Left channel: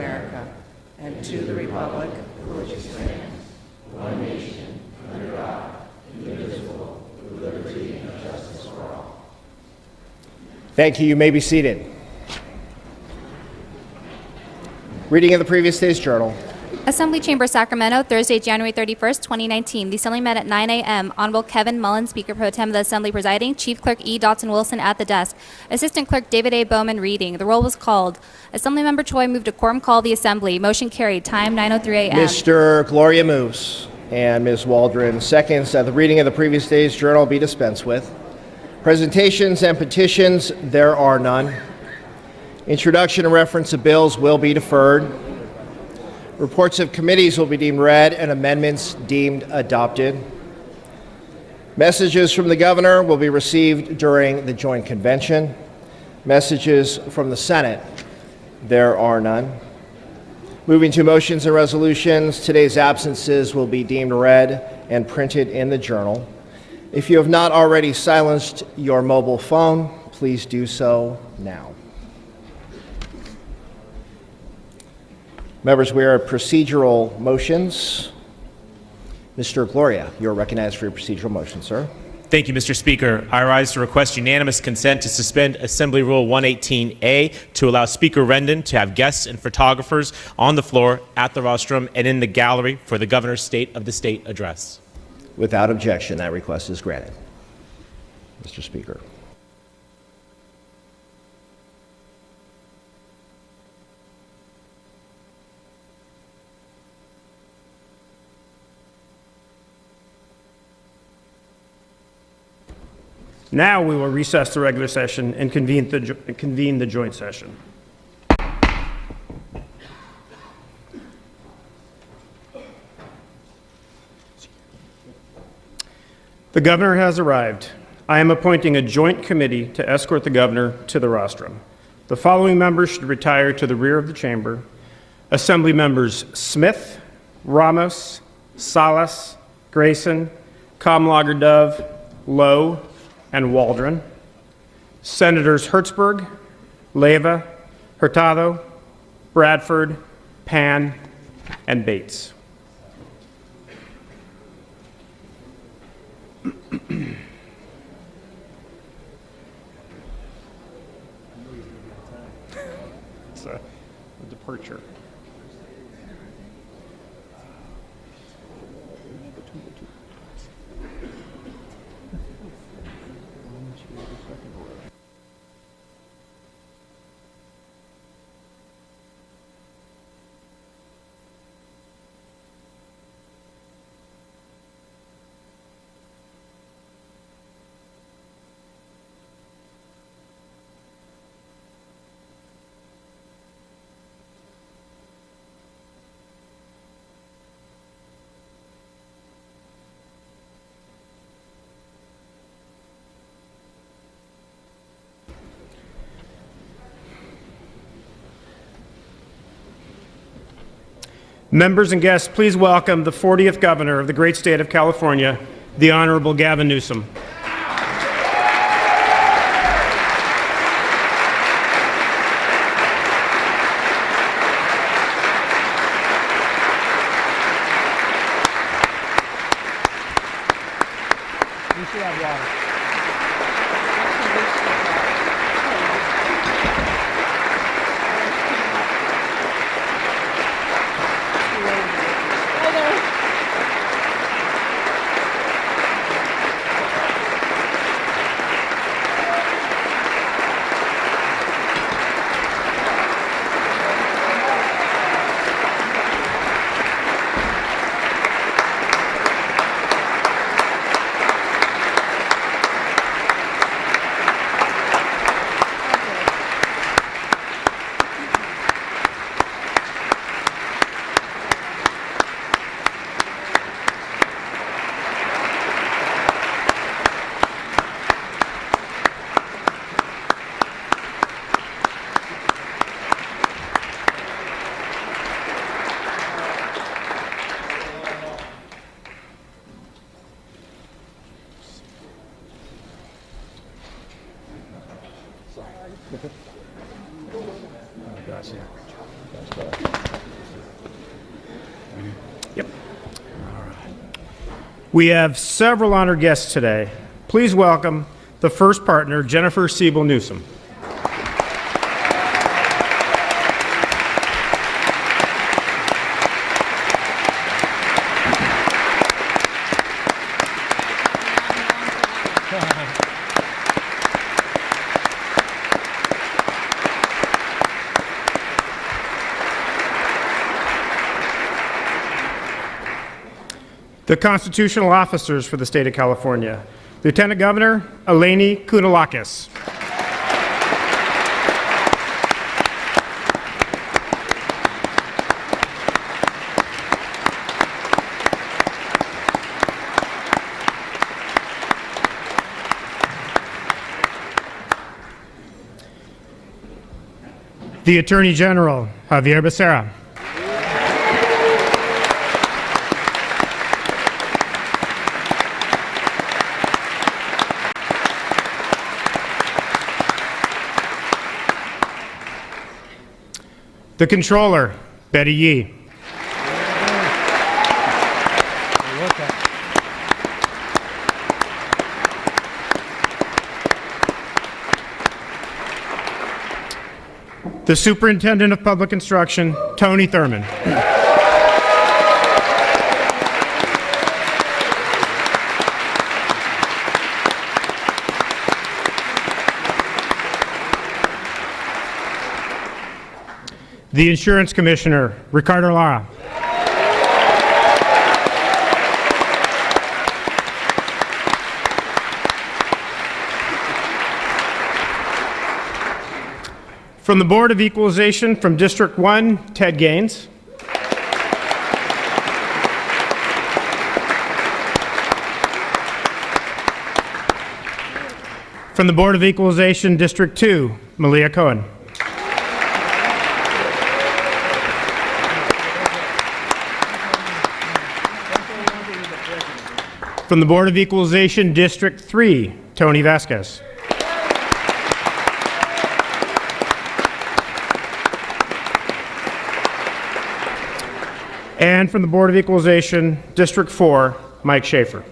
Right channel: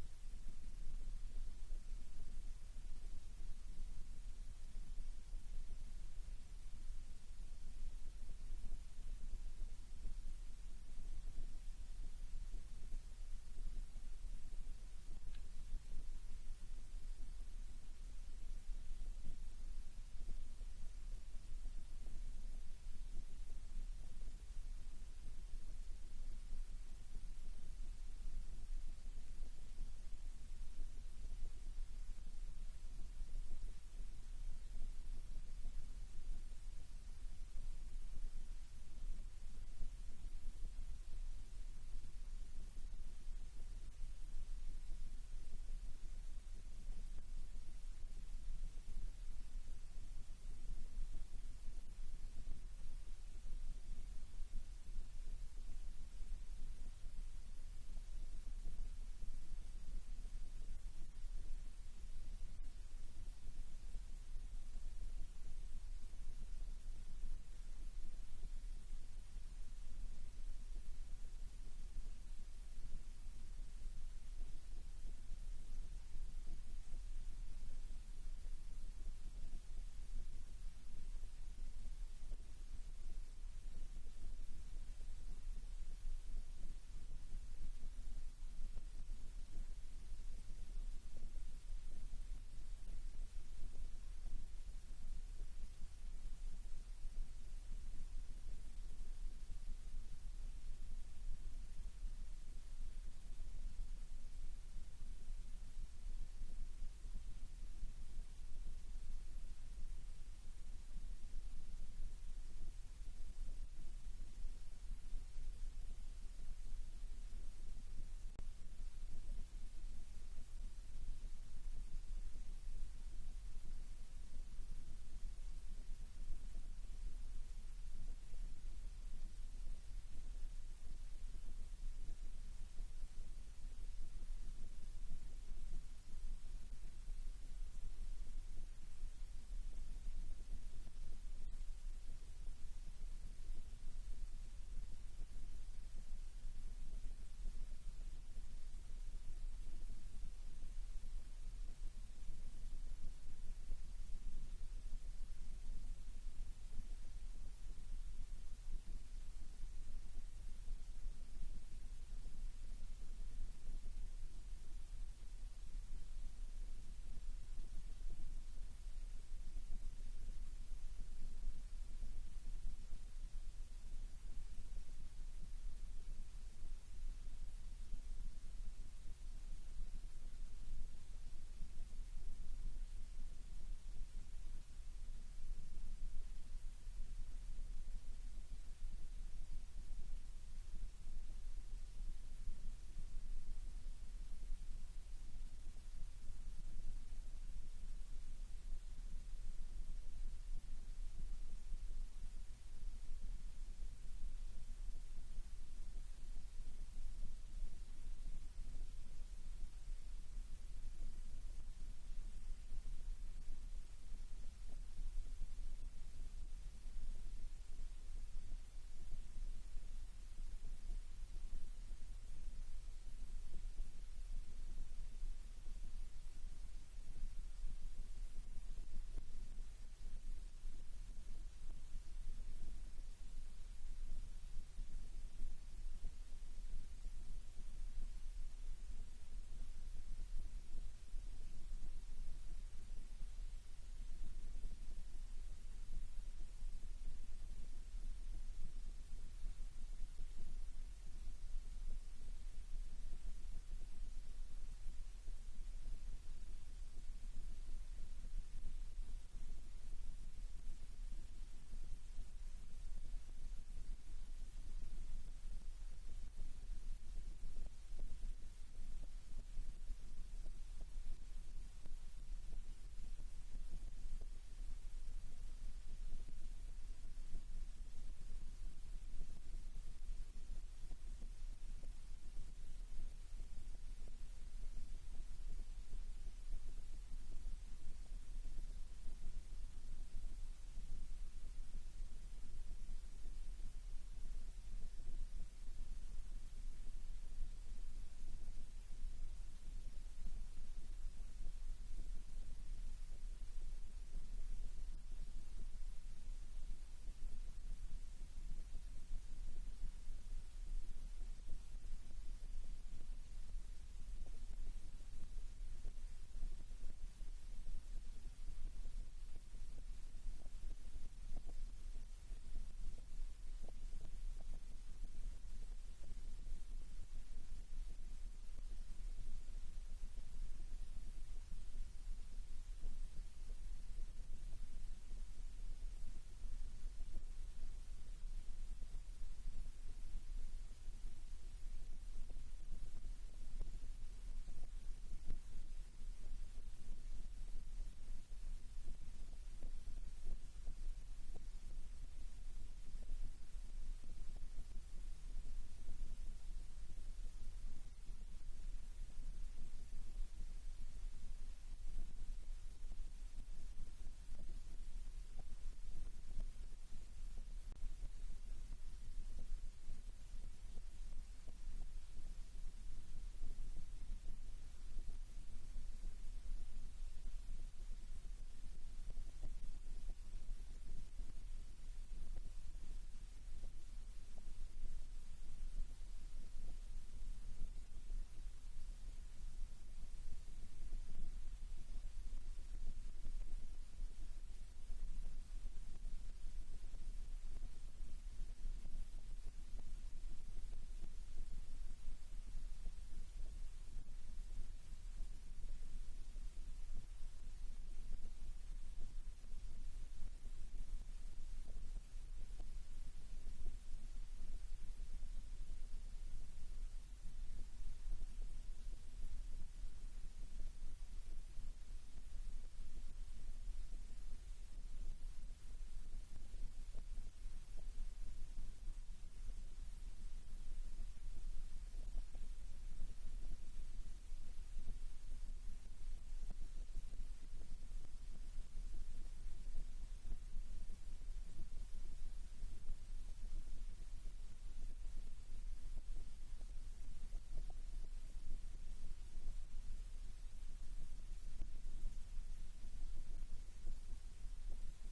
America, and to the republic for which it stands, one nation, under God, indivisible, with liberty and justice for all. Thank you. You may be seated. Reading of the previous day's journal. Assembly Chamber, Sacramento, Thursday, January 31st, 2019. The Assembly met at 9 a.m. Honorable Kevin Mullen, Speaker Pro Tem of the Assembly presiding. Chief Clerk E. Dotson-Wilson at the desk. Assistant Clerk David A. Bowman reading. The roll was called. Assemblymember Choi moved a quorum call the Assembly. Motion carried. Time 9:03 a.m. Mr. Gloria moves and Ms. Waldron seconds that the reading of the previous day's journal be dispensed with. Presentations and petitions, there are none. Introduction and reference of bills will be deferred. Reports of committees will be deemed read and amendments deemed adopted. Messages from the governor will be received during the joint convention. Messages from the Senate, there are none. Moving to motions and resolutions, today's absences will be deemed read and printed in the journal. If you have not already silenced your mobile phone, please do so now. Members, we are at procedural motions. Mr. Gloria, you're recognized for your procedural motion, sir. Thank you, Mr. Speaker. I rise to request unanimous consent to suspend Assembly Rule 118A to allow Speaker Rendon to have guests and photographers on the floor, at the rostrum, and in the gallery for the Governor's State of the State address. Without objection, that request is granted. Mr. Speaker. Now we will recess the regular session and convene the joint session. The governor has arrived. I am appointing a joint committee to escort the governor to the rostrum. The following members should retire to the rear of the chamber. Assembly members Smith, Ramos, Salas, Grayson, Kamlager-Dove, Lowe, and Waldron. Senators Hertzberg, Leyva, Hurtado, Bradford, Pan, and Bates. It's a departure. Members and guests, please welcome the 40th Governor of the great state of California, the Honorable Gavin Newsom. You should have water. Yep. We have several honored guests today. Please welcome the first partner, Jennifer Siebel Newsom. The constitutional officers for the state of California. Lieutenant Governor Eleni Kounalakis. The Attorney General, Javier Becerra. The Controller, Betty Yee. The Superintendent of Public Instruction, Tony Thurman. The Insurance Commissioner, Ricardo Lara. From the Board of Equalization from District 1, Ted Gaines. From the Board of Equalization, District 2, Malia Cohen. From the Board of Equalization, District 3, Tony Vasquez. And from the Board of Equalization, District 4, Mike Schaefer.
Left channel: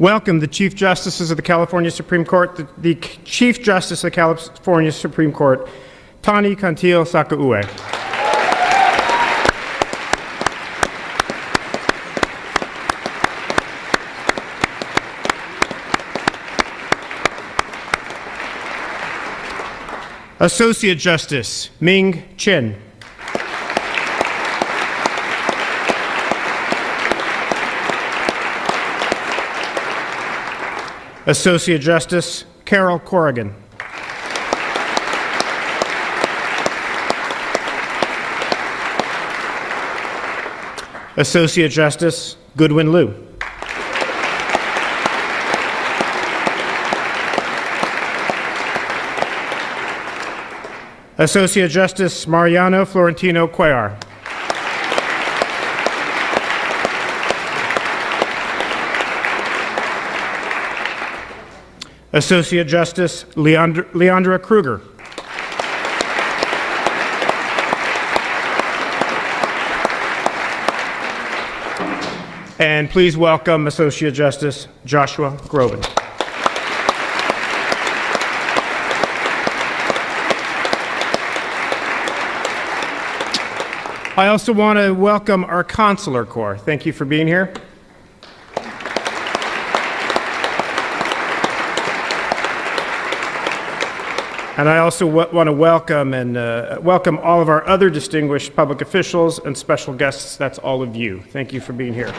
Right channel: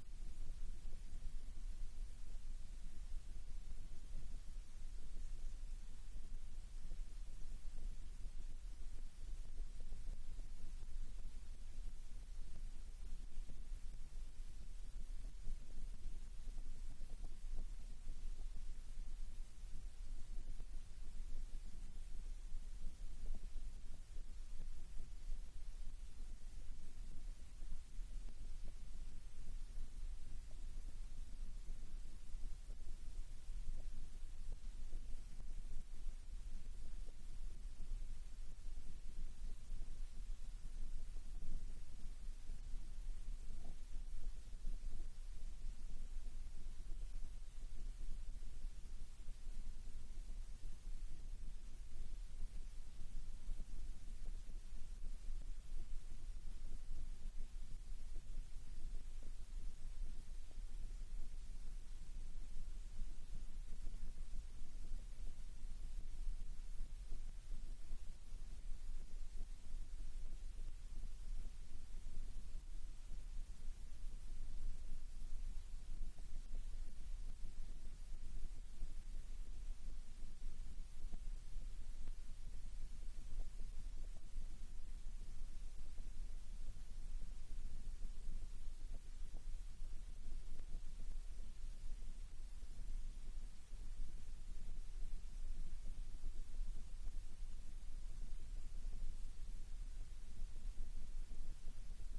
Welcome the Chief Justices of the California Supreme Court, the Chief Justice of the California Supreme Court, Tani Cantil Sakaue. Associate Justice Ming Chin. Associate Justice Carol Corrigan. Associate Justice Goodwin Liu. Associate Justice Mariano Florentino Cuellar. Associate Justice Leandra Kruger. And please welcome Associate Justice Joshua Groban. I also want to welcome our Consular Corps. Thank you for being here. And I also want to welcome welcome all of our other distinguished public officials and special guests. That's all of you. Thank you for being here.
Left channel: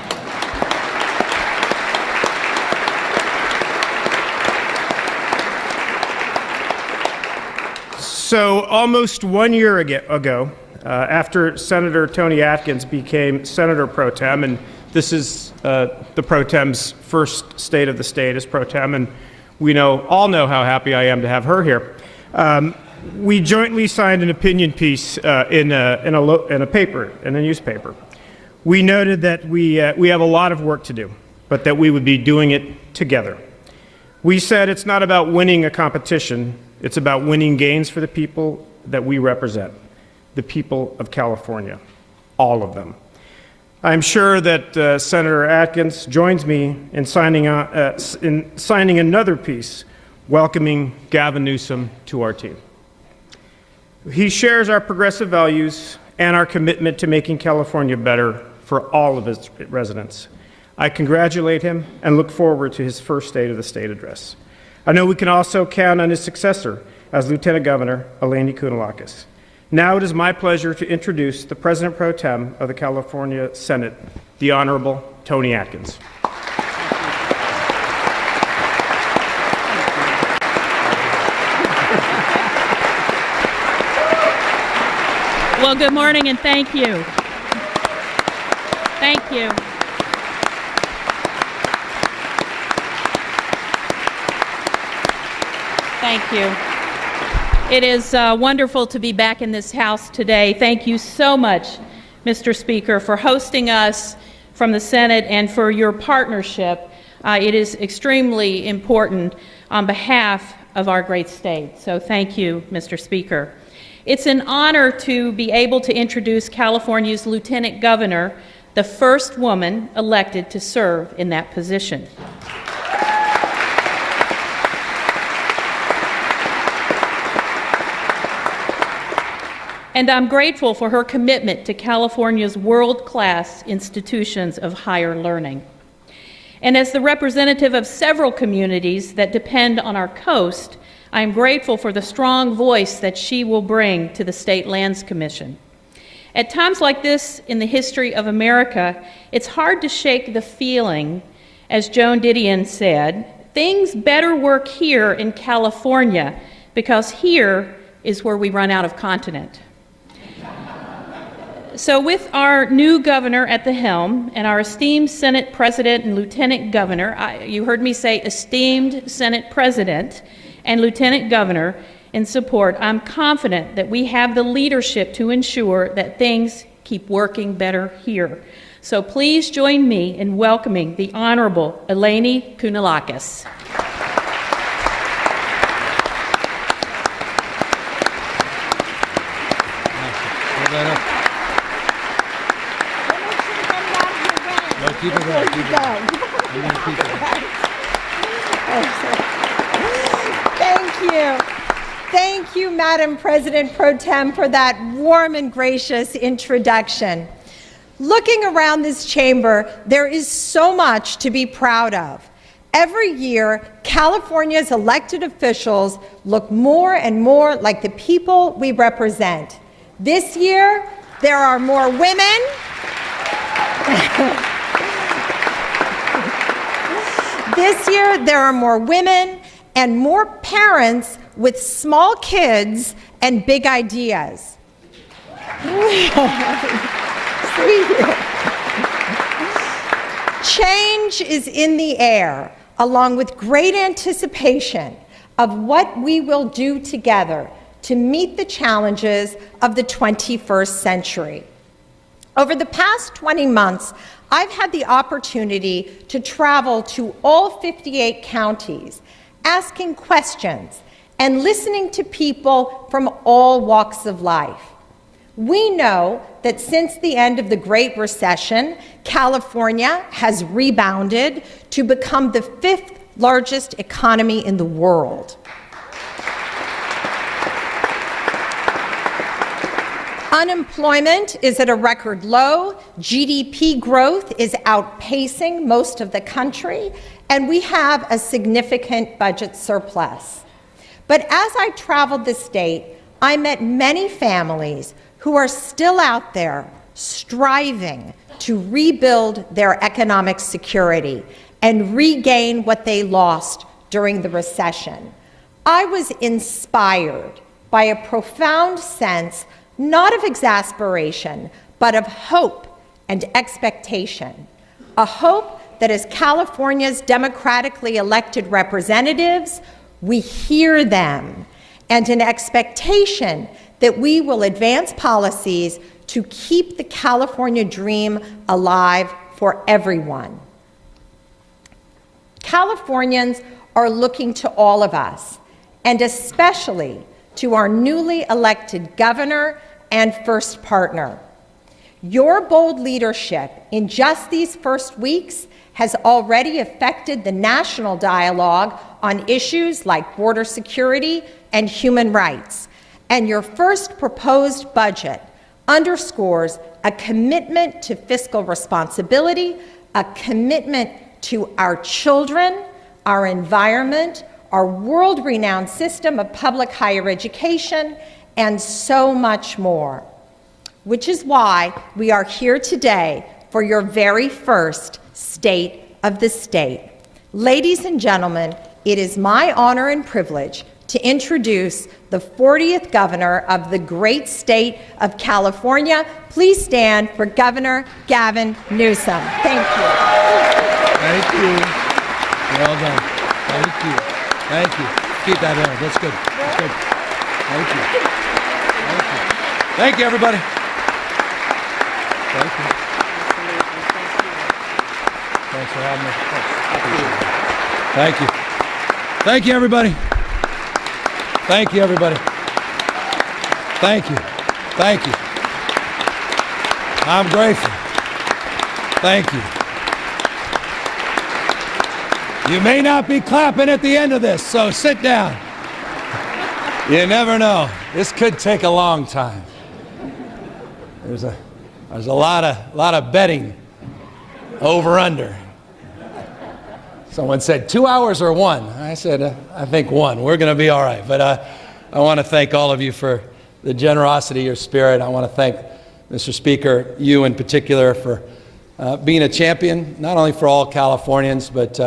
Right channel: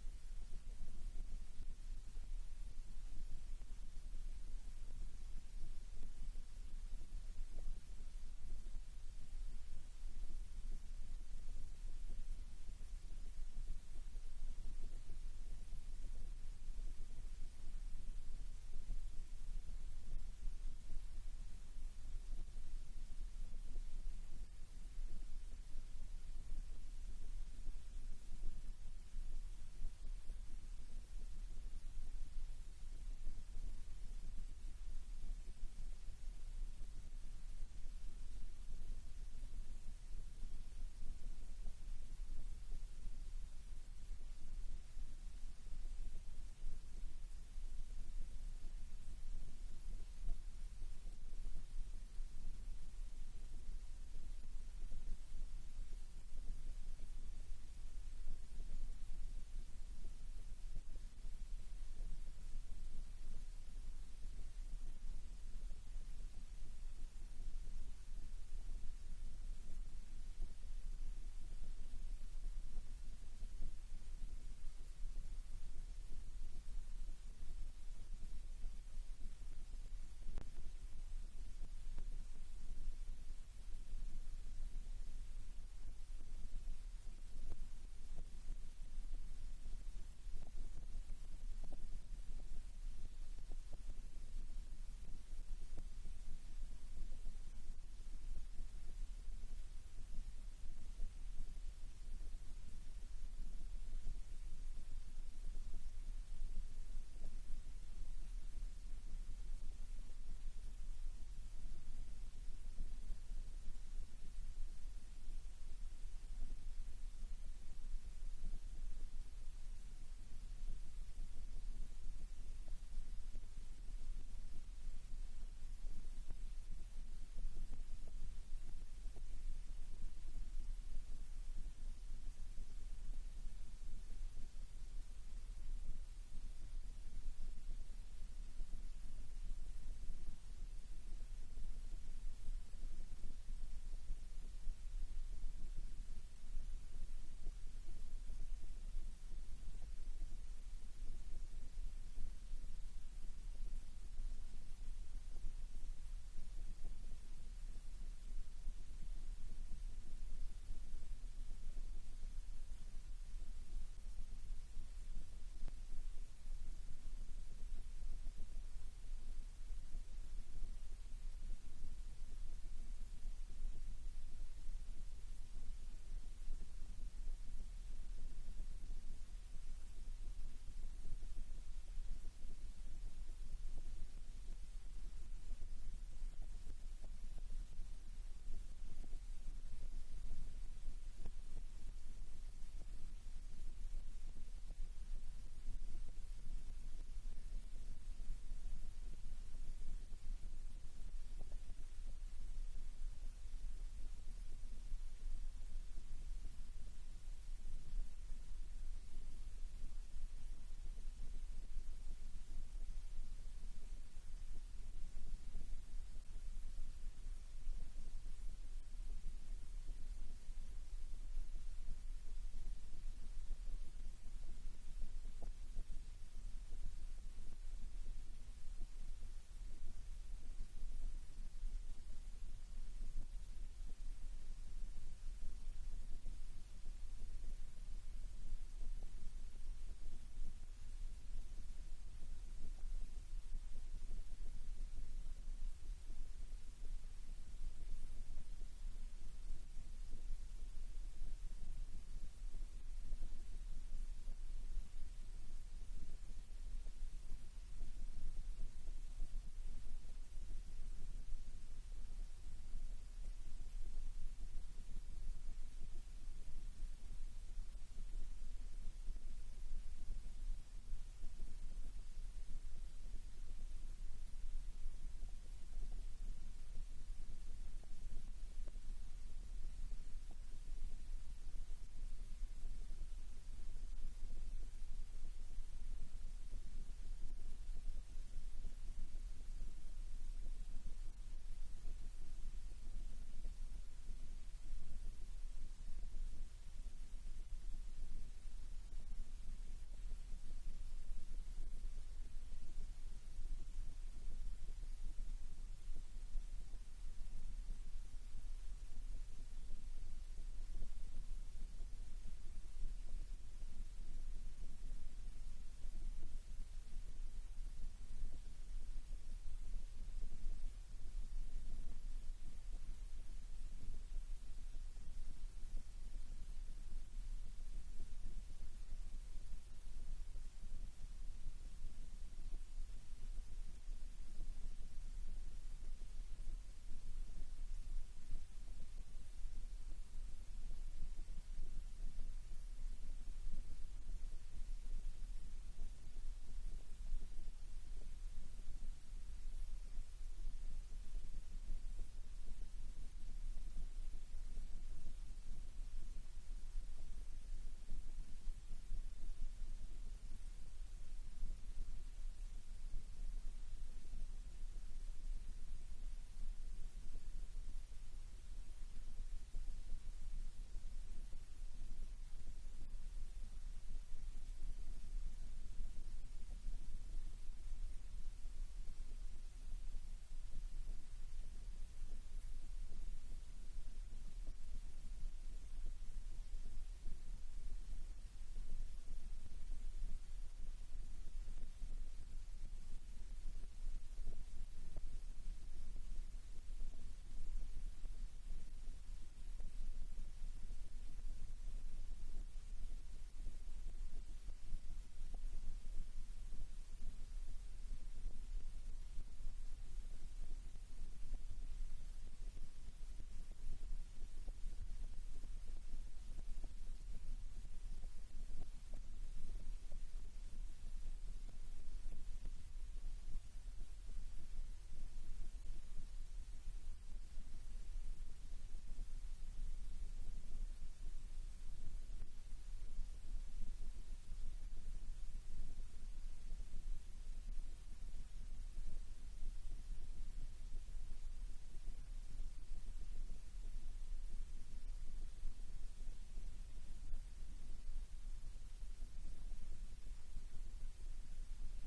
So almost 1 year ago, after Senator Tony Atkins became Senator Pro Tem, and this is the Pro Tem's first State of the State as Pro Tem, and we all know how happy I am to have her here. We jointly signed an opinion piece in a paper, in a newspaper. We noted that we have a lot of work to do, but that we would be doing it together. We said it's not about winning a competition, it's about winning gains for the people that we represent, the people of California, all of them. I'm sure that Senator Atkins joins me in signing another piece welcoming Gavin Newsom to our team. He shares our progressive values and our commitment to making California better for all of its residents. I congratulate him and look forward to his first State of the State address. I know we can also count on his successor as Lieutenant Governor Eleni Kounalakis. Now it is my pleasure to introduce the President Pro Tem of the California Senate, the Honorable Tony Atkins. Well, good morning and thank you. Thank you. Thank you. It is wonderful to be back in this House today. Thank you so much, Mr. Speaker, for hosting us from the Senate and for your partnership. It is extremely important on behalf of our great state. So thank you, Mr. Speaker. It's an honor to be able to introduce California's Lieutenant Governor, the first woman elected to serve in that position. And I'm grateful for her commitment to California's world-class institutions of higher learning. And as the representative of several communities that depend on our coast, I am grateful for the strong voice that she will bring to the State Lands Commission. At times like this in the history of America, it's hard to shake the feeling, as Joan Didion said, things better work here in California because here is where we run out of continent. So with our new governor at the helm and our esteemed Senate President and Lieutenant Governor, you heard me say esteemed Senate President and Lieutenant Governor in support, I'm confident that we have the leadership to ensure that things keep working better here. So please join me in welcoming the Honorable Eleni Kounalakis. Keep it going. Keep it going. Thank you. Thank you, Madam President Pro Tem, for that warm and gracious introduction. Looking around this chamber, there is so much to be proud of. Every year, California's elected officials look more and more like the people we represent. This year, there are more women. This year, there are more women and more parents with small kids and big ideas. Change is in the air, along with great anticipation of what we will do together to meet the challenges of the 21st century. Over the past 20 months, I've had the opportunity to travel to all 58 counties, asking questions and listening to people from all walks of life. We know that since the end of the Great Recession, California has rebounded to become the 5th largest economy in the world. Unemployment is at a record low, GDP growth is outpacing most of the country, and we have a significant budget surplus. But as I traveled the state, I met many families who are still out there striving to rebuild their economic security and regain what they lost during the recession. I was inspired by a profound sense not of exasperation, but of hope and expectation. A hope that as California's democratically elected representatives, we hear them, and an expectation that we will advance policies to keep the California dream alive for everyone. Californians are looking to all of us, and especially to our newly elected governor and first partner. Your bold leadership in just these first weeks has already affected the national dialogue on issues like border security and human rights. And your first proposed budget underscores a commitment to fiscal responsibility, a commitment to our children, our environment, our world-renowned system of public higher education, and so much more. Which is why we are here today for your very first State of the State. Ladies and gentlemen, it is my honor and privilege to introduce the 40th governor of the great state of California. Please stand for Governor Gavin Newsom. Thank you. Thank you. Well done. Thank you. Thank you. Keep that in. That's good. That's good. Thank you. Thank you. Thank you, everybody. Thank you. Thanks for having me. Thank you. Thank you, everybody. Thank you, everybody. Thank you. Thank you. I'm grateful. Thank you. You may not be clapping at the end of this, so sit down. You never know. This could take a long time. There's a lot of betting over under. Someone said 2 hours or 1. I said, I think 1. We're going to be all right. But I want to thank all of you for the generosity of your spirit. I want to thank Mr. Speaker, you in particular, for being a champion, not only for all Californians, but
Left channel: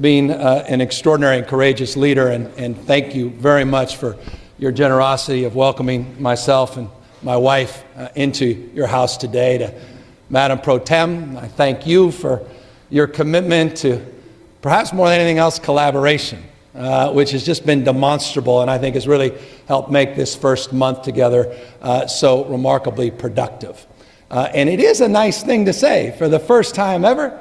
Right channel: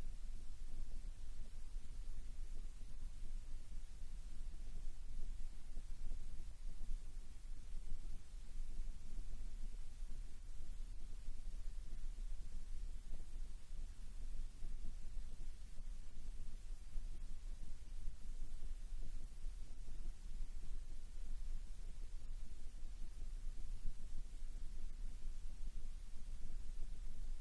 being an extraordinary and courageous leader. And thank you very much for your generosity of welcoming myself and my wife into your house today. To Madam Pro Tem, I thank you for your commitment to, perhaps more than anything else, collaboration, which has just been demonstrable and I think has really helped make this first month together so remarkably productive. And it is a nice thing to say. For the first time ever,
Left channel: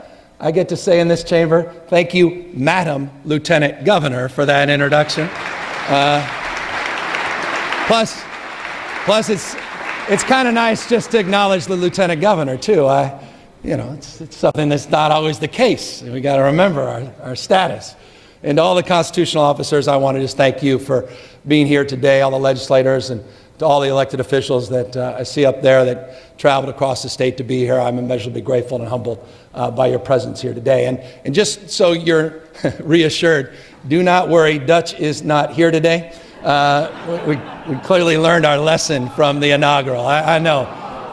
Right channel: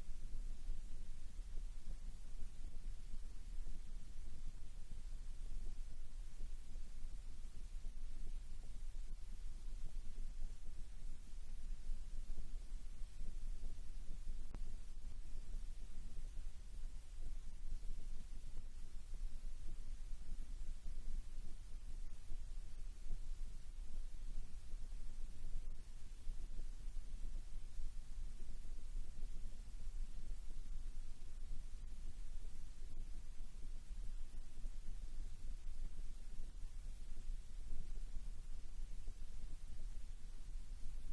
I get to say in this chamber, thank you, Madam Lieutenant Governor, for that introduction. Plus it's kind of nice just to acknowledge the Lieutenant Governor, too. It's something that's not always the case. We got to remember our status. And to all the constitutional officers, I want to just thank you for being here today, all the legislators, and to all the elected officials that I see up there that traveled across the state to be here. I'm immeasurably grateful and humbled by your presence here today. And just so you're reassured, do not worry, Dutch is not here today. We clearly learned our lesson from the inaugural. I know.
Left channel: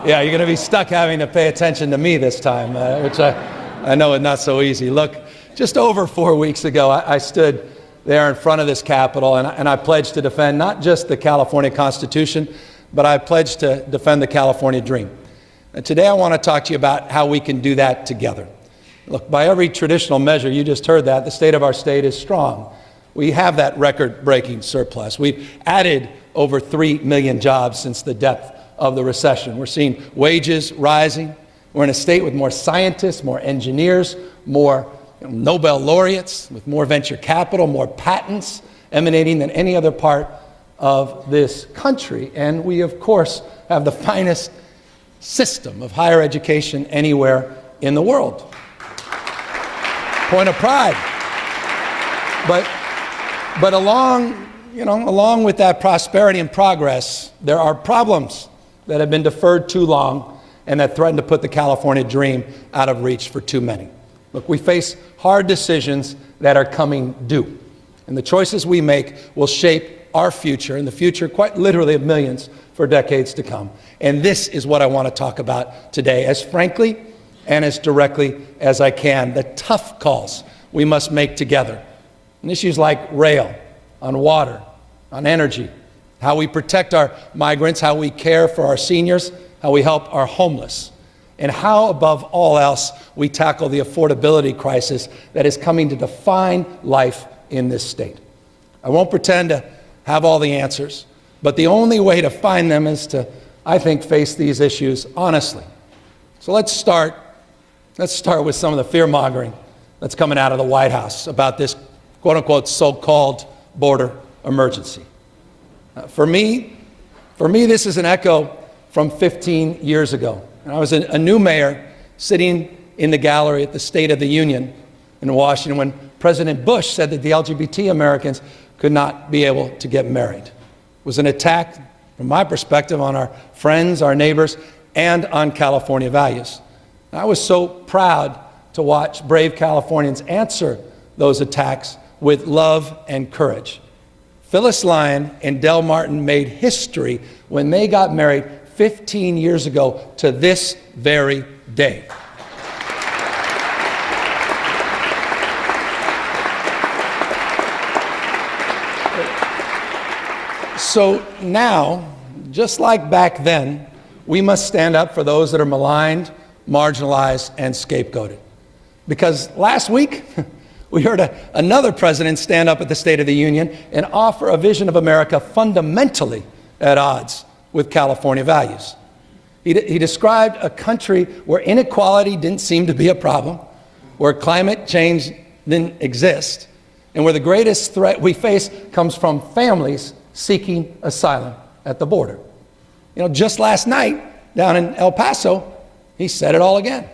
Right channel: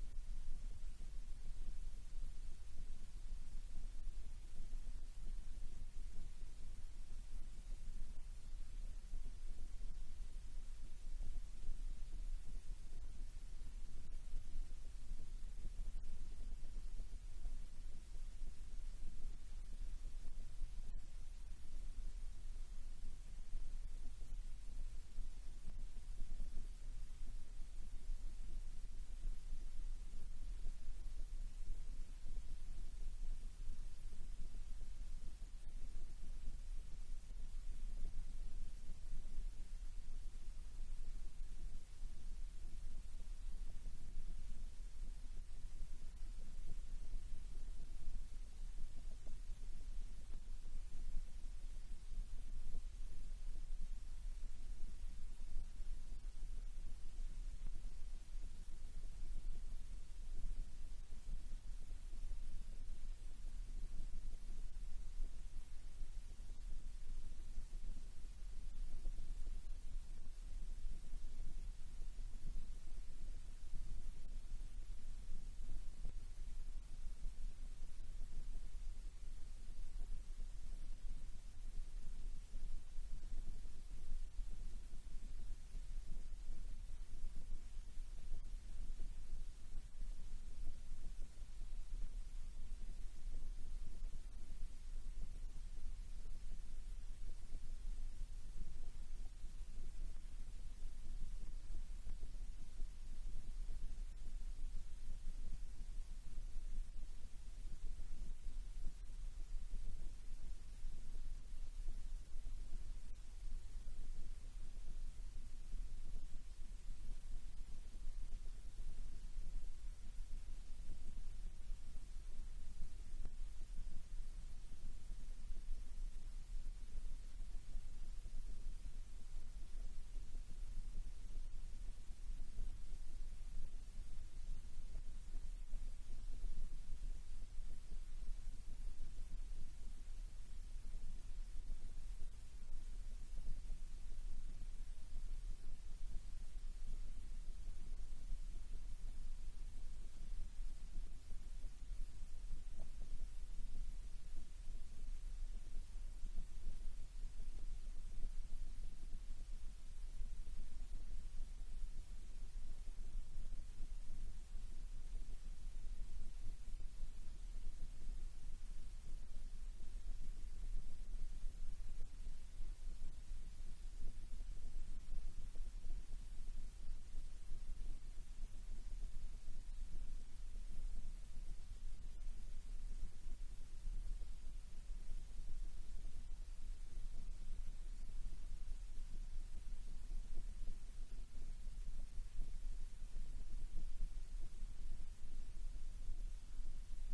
Yeah, you're going to be stuck having to pay attention to me this time, which I know is not so easy. Look, just over 4 weeks ago, I stood there in front of this Capitol, and I pledged to defend not just the California Constitution, but I pledged to defend the California dream. And today I want to talk to you about how we can do that together. Look, by every traditional measure, you just heard that, the state of our state is strong. We have that record-breaking surplus. We've added over 3 million jobs since the depth of the recession. We're seeing wages rising. We're in a state with more scientists, more engineers, more Nobel laureates, with more venture capital, more patents emanating than any other part of this country. And we, of course, have the finest system of higher education anywhere in the world. Point of pride. But along with that prosperity and progress, there are problems that have been deferred too long and that threaten to put the California dream out of reach for too many. Look, we face hard decisions that are coming due, and the choices we make will shape our future and the future, quite literally, of millions for decades to come. And this is what I want to talk about today, as frankly and as directly as I can, the tough calls we must make together. And issues like rail, on water, on energy, how we protect our migrants, how we care for our seniors, how we help our homeless, and how, above all else, we tackle the affordability crisis that is coming to define life in this state. I won't pretend to have all the answers, but the only way to find them is to, I think, face these issues honestly. So let's start with some of the fear-mongering that's coming out of the White House about this quote-unquote so-called border emergency. For me, this is an echo from 15 years ago. And I was a new mayor sitting in the gallery at the State of the Union in Washington when President Bush said that the LGBT Americans could not be able to get married. It was an attack, from my perspective, on our friends, our neighbors, and on California values. And I was so proud to watch brave Californians answer those attacks with love and courage. Phyllis Lyon and Del Martin made history when they got married 15 years ago to this very day. So now, just like back then, we must stand up for those that are maligned, marginalized, and scapegoated. Because last week, we heard another president stand up at the State of the Union and offer a vision of America fundamentally at odds with California values. He described a country where inequality didn't seem to be a problem, where climate change didn't exist, and where the greatest threat we face comes from families seeking asylum at the border. You know, just last night down in El Paso, he said it all again.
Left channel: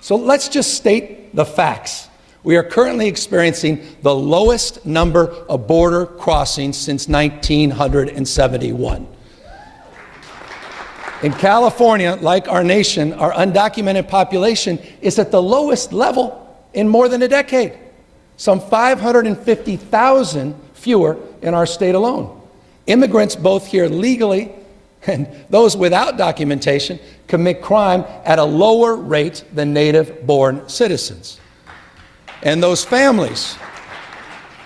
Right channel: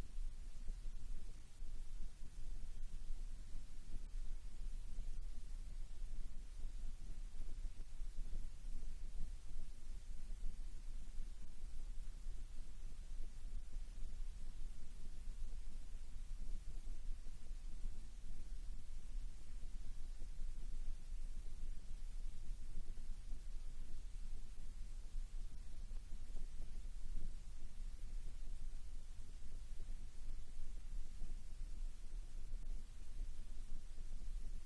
So let's just state the facts. We are currently experiencing the lowest number of border crossings since 1971. In California, like our nation, our undocumented population is at the lowest level in more than a decade. Some 550,000 fewer in our state alone. Immigrants, both here legally and those without documentation, commit crime at a lower rate than native-born citizens. And those families,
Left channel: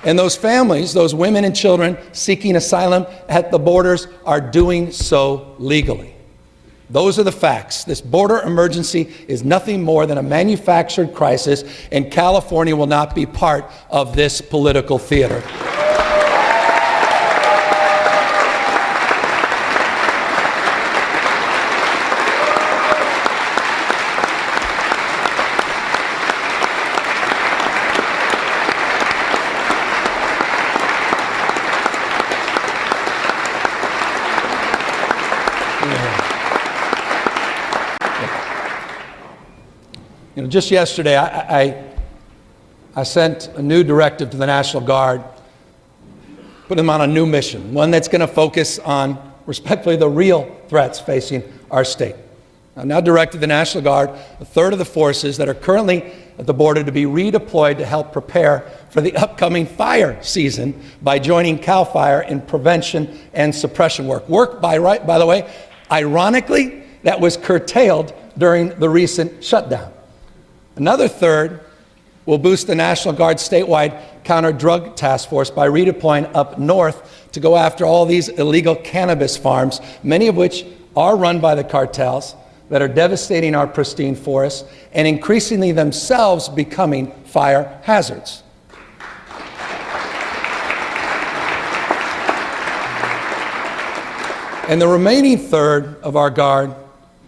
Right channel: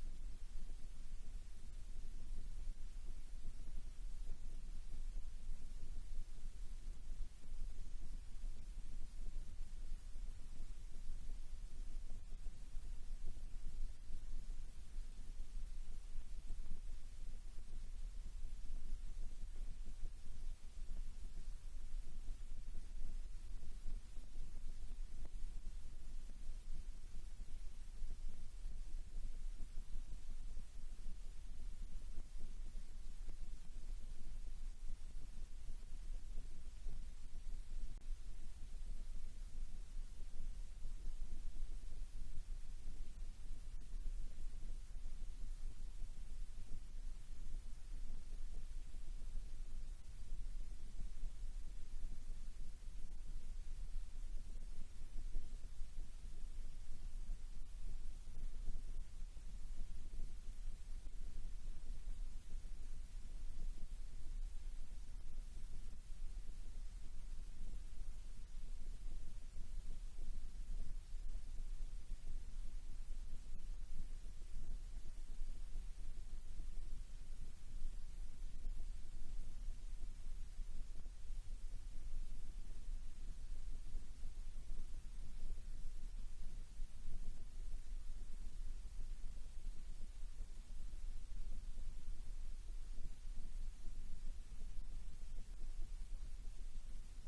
those women and children seeking asylum at the borders are doing so legally. Those are the facts. This border emergency is nothing more than a manufactured crisis, and California will not be part of this political theater. You know, just yesterday, I sent a new directive to the National Guard, put them on a new mission, one that's going to focus on, respectfully, the real threats facing our state. I've now directed the National Guard, a third of the forces that are currently at the border, to be redeployed to help prepare for the upcoming fire season by joining CAL FIRE in prevention and suppression work. Work, by the way, ironically, that was curtailed during the recent shutdown. Another third will boost the National Guard's statewide counter-drug task force by redeploying up north to go after all these illegal cannabis farms, many of which are run by the cartels that are devastating our pristine forests and increasingly themselves becoming fire hazards. And the remaining third of our Guard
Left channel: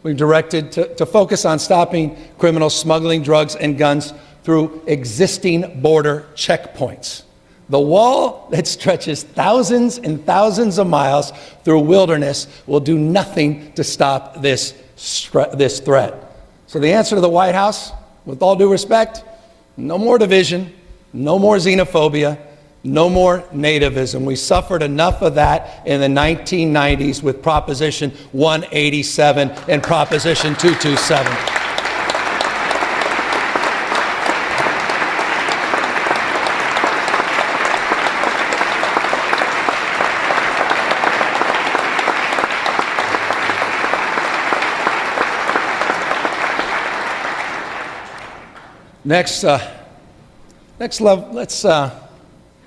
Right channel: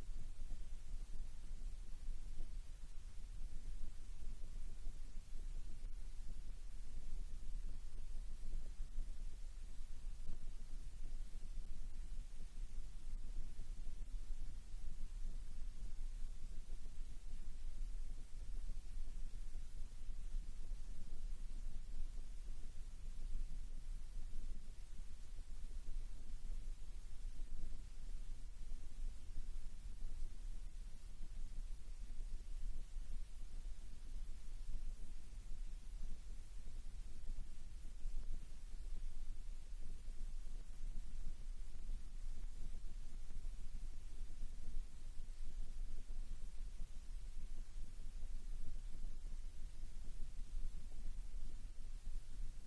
we've directed to focus on stopping criminals smuggling drugs and guns through existing border checkpoints. The wall that stretches thousands and thousands of miles through wilderness will do nothing to stop this threat. So the answer to the White House, with all due respect, no more division, no more xenophobia, no more nativism. We suffered enough of that in the 1990s with Proposition 187 and Proposition 227.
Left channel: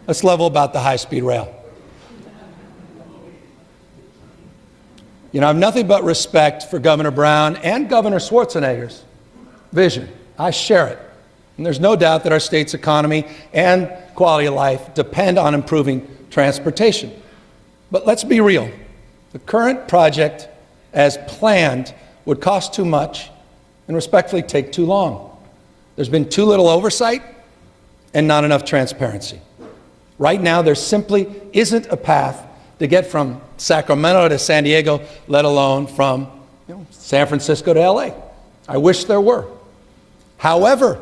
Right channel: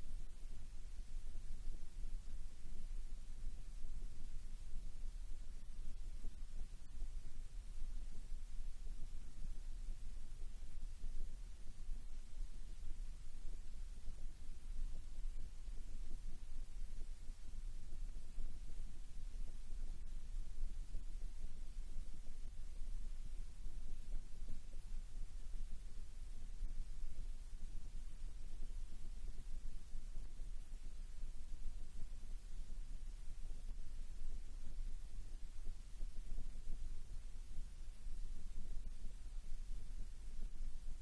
Let's level about the high-speed rail. You know, I have nothing but respect for Governor Brown and Governor Schwarzenegger's vision. I share it. And there's no doubt that our state's economy and quality of life depend on improving transportation. But let's be real. The current project, as planned, would cost too much and respectfully take too long. There's been too little oversight and not enough transparency. Right now, there simply isn't a path to get from Sacramento to San Diego, let alone from San Francisco to LA. I wish there were. However,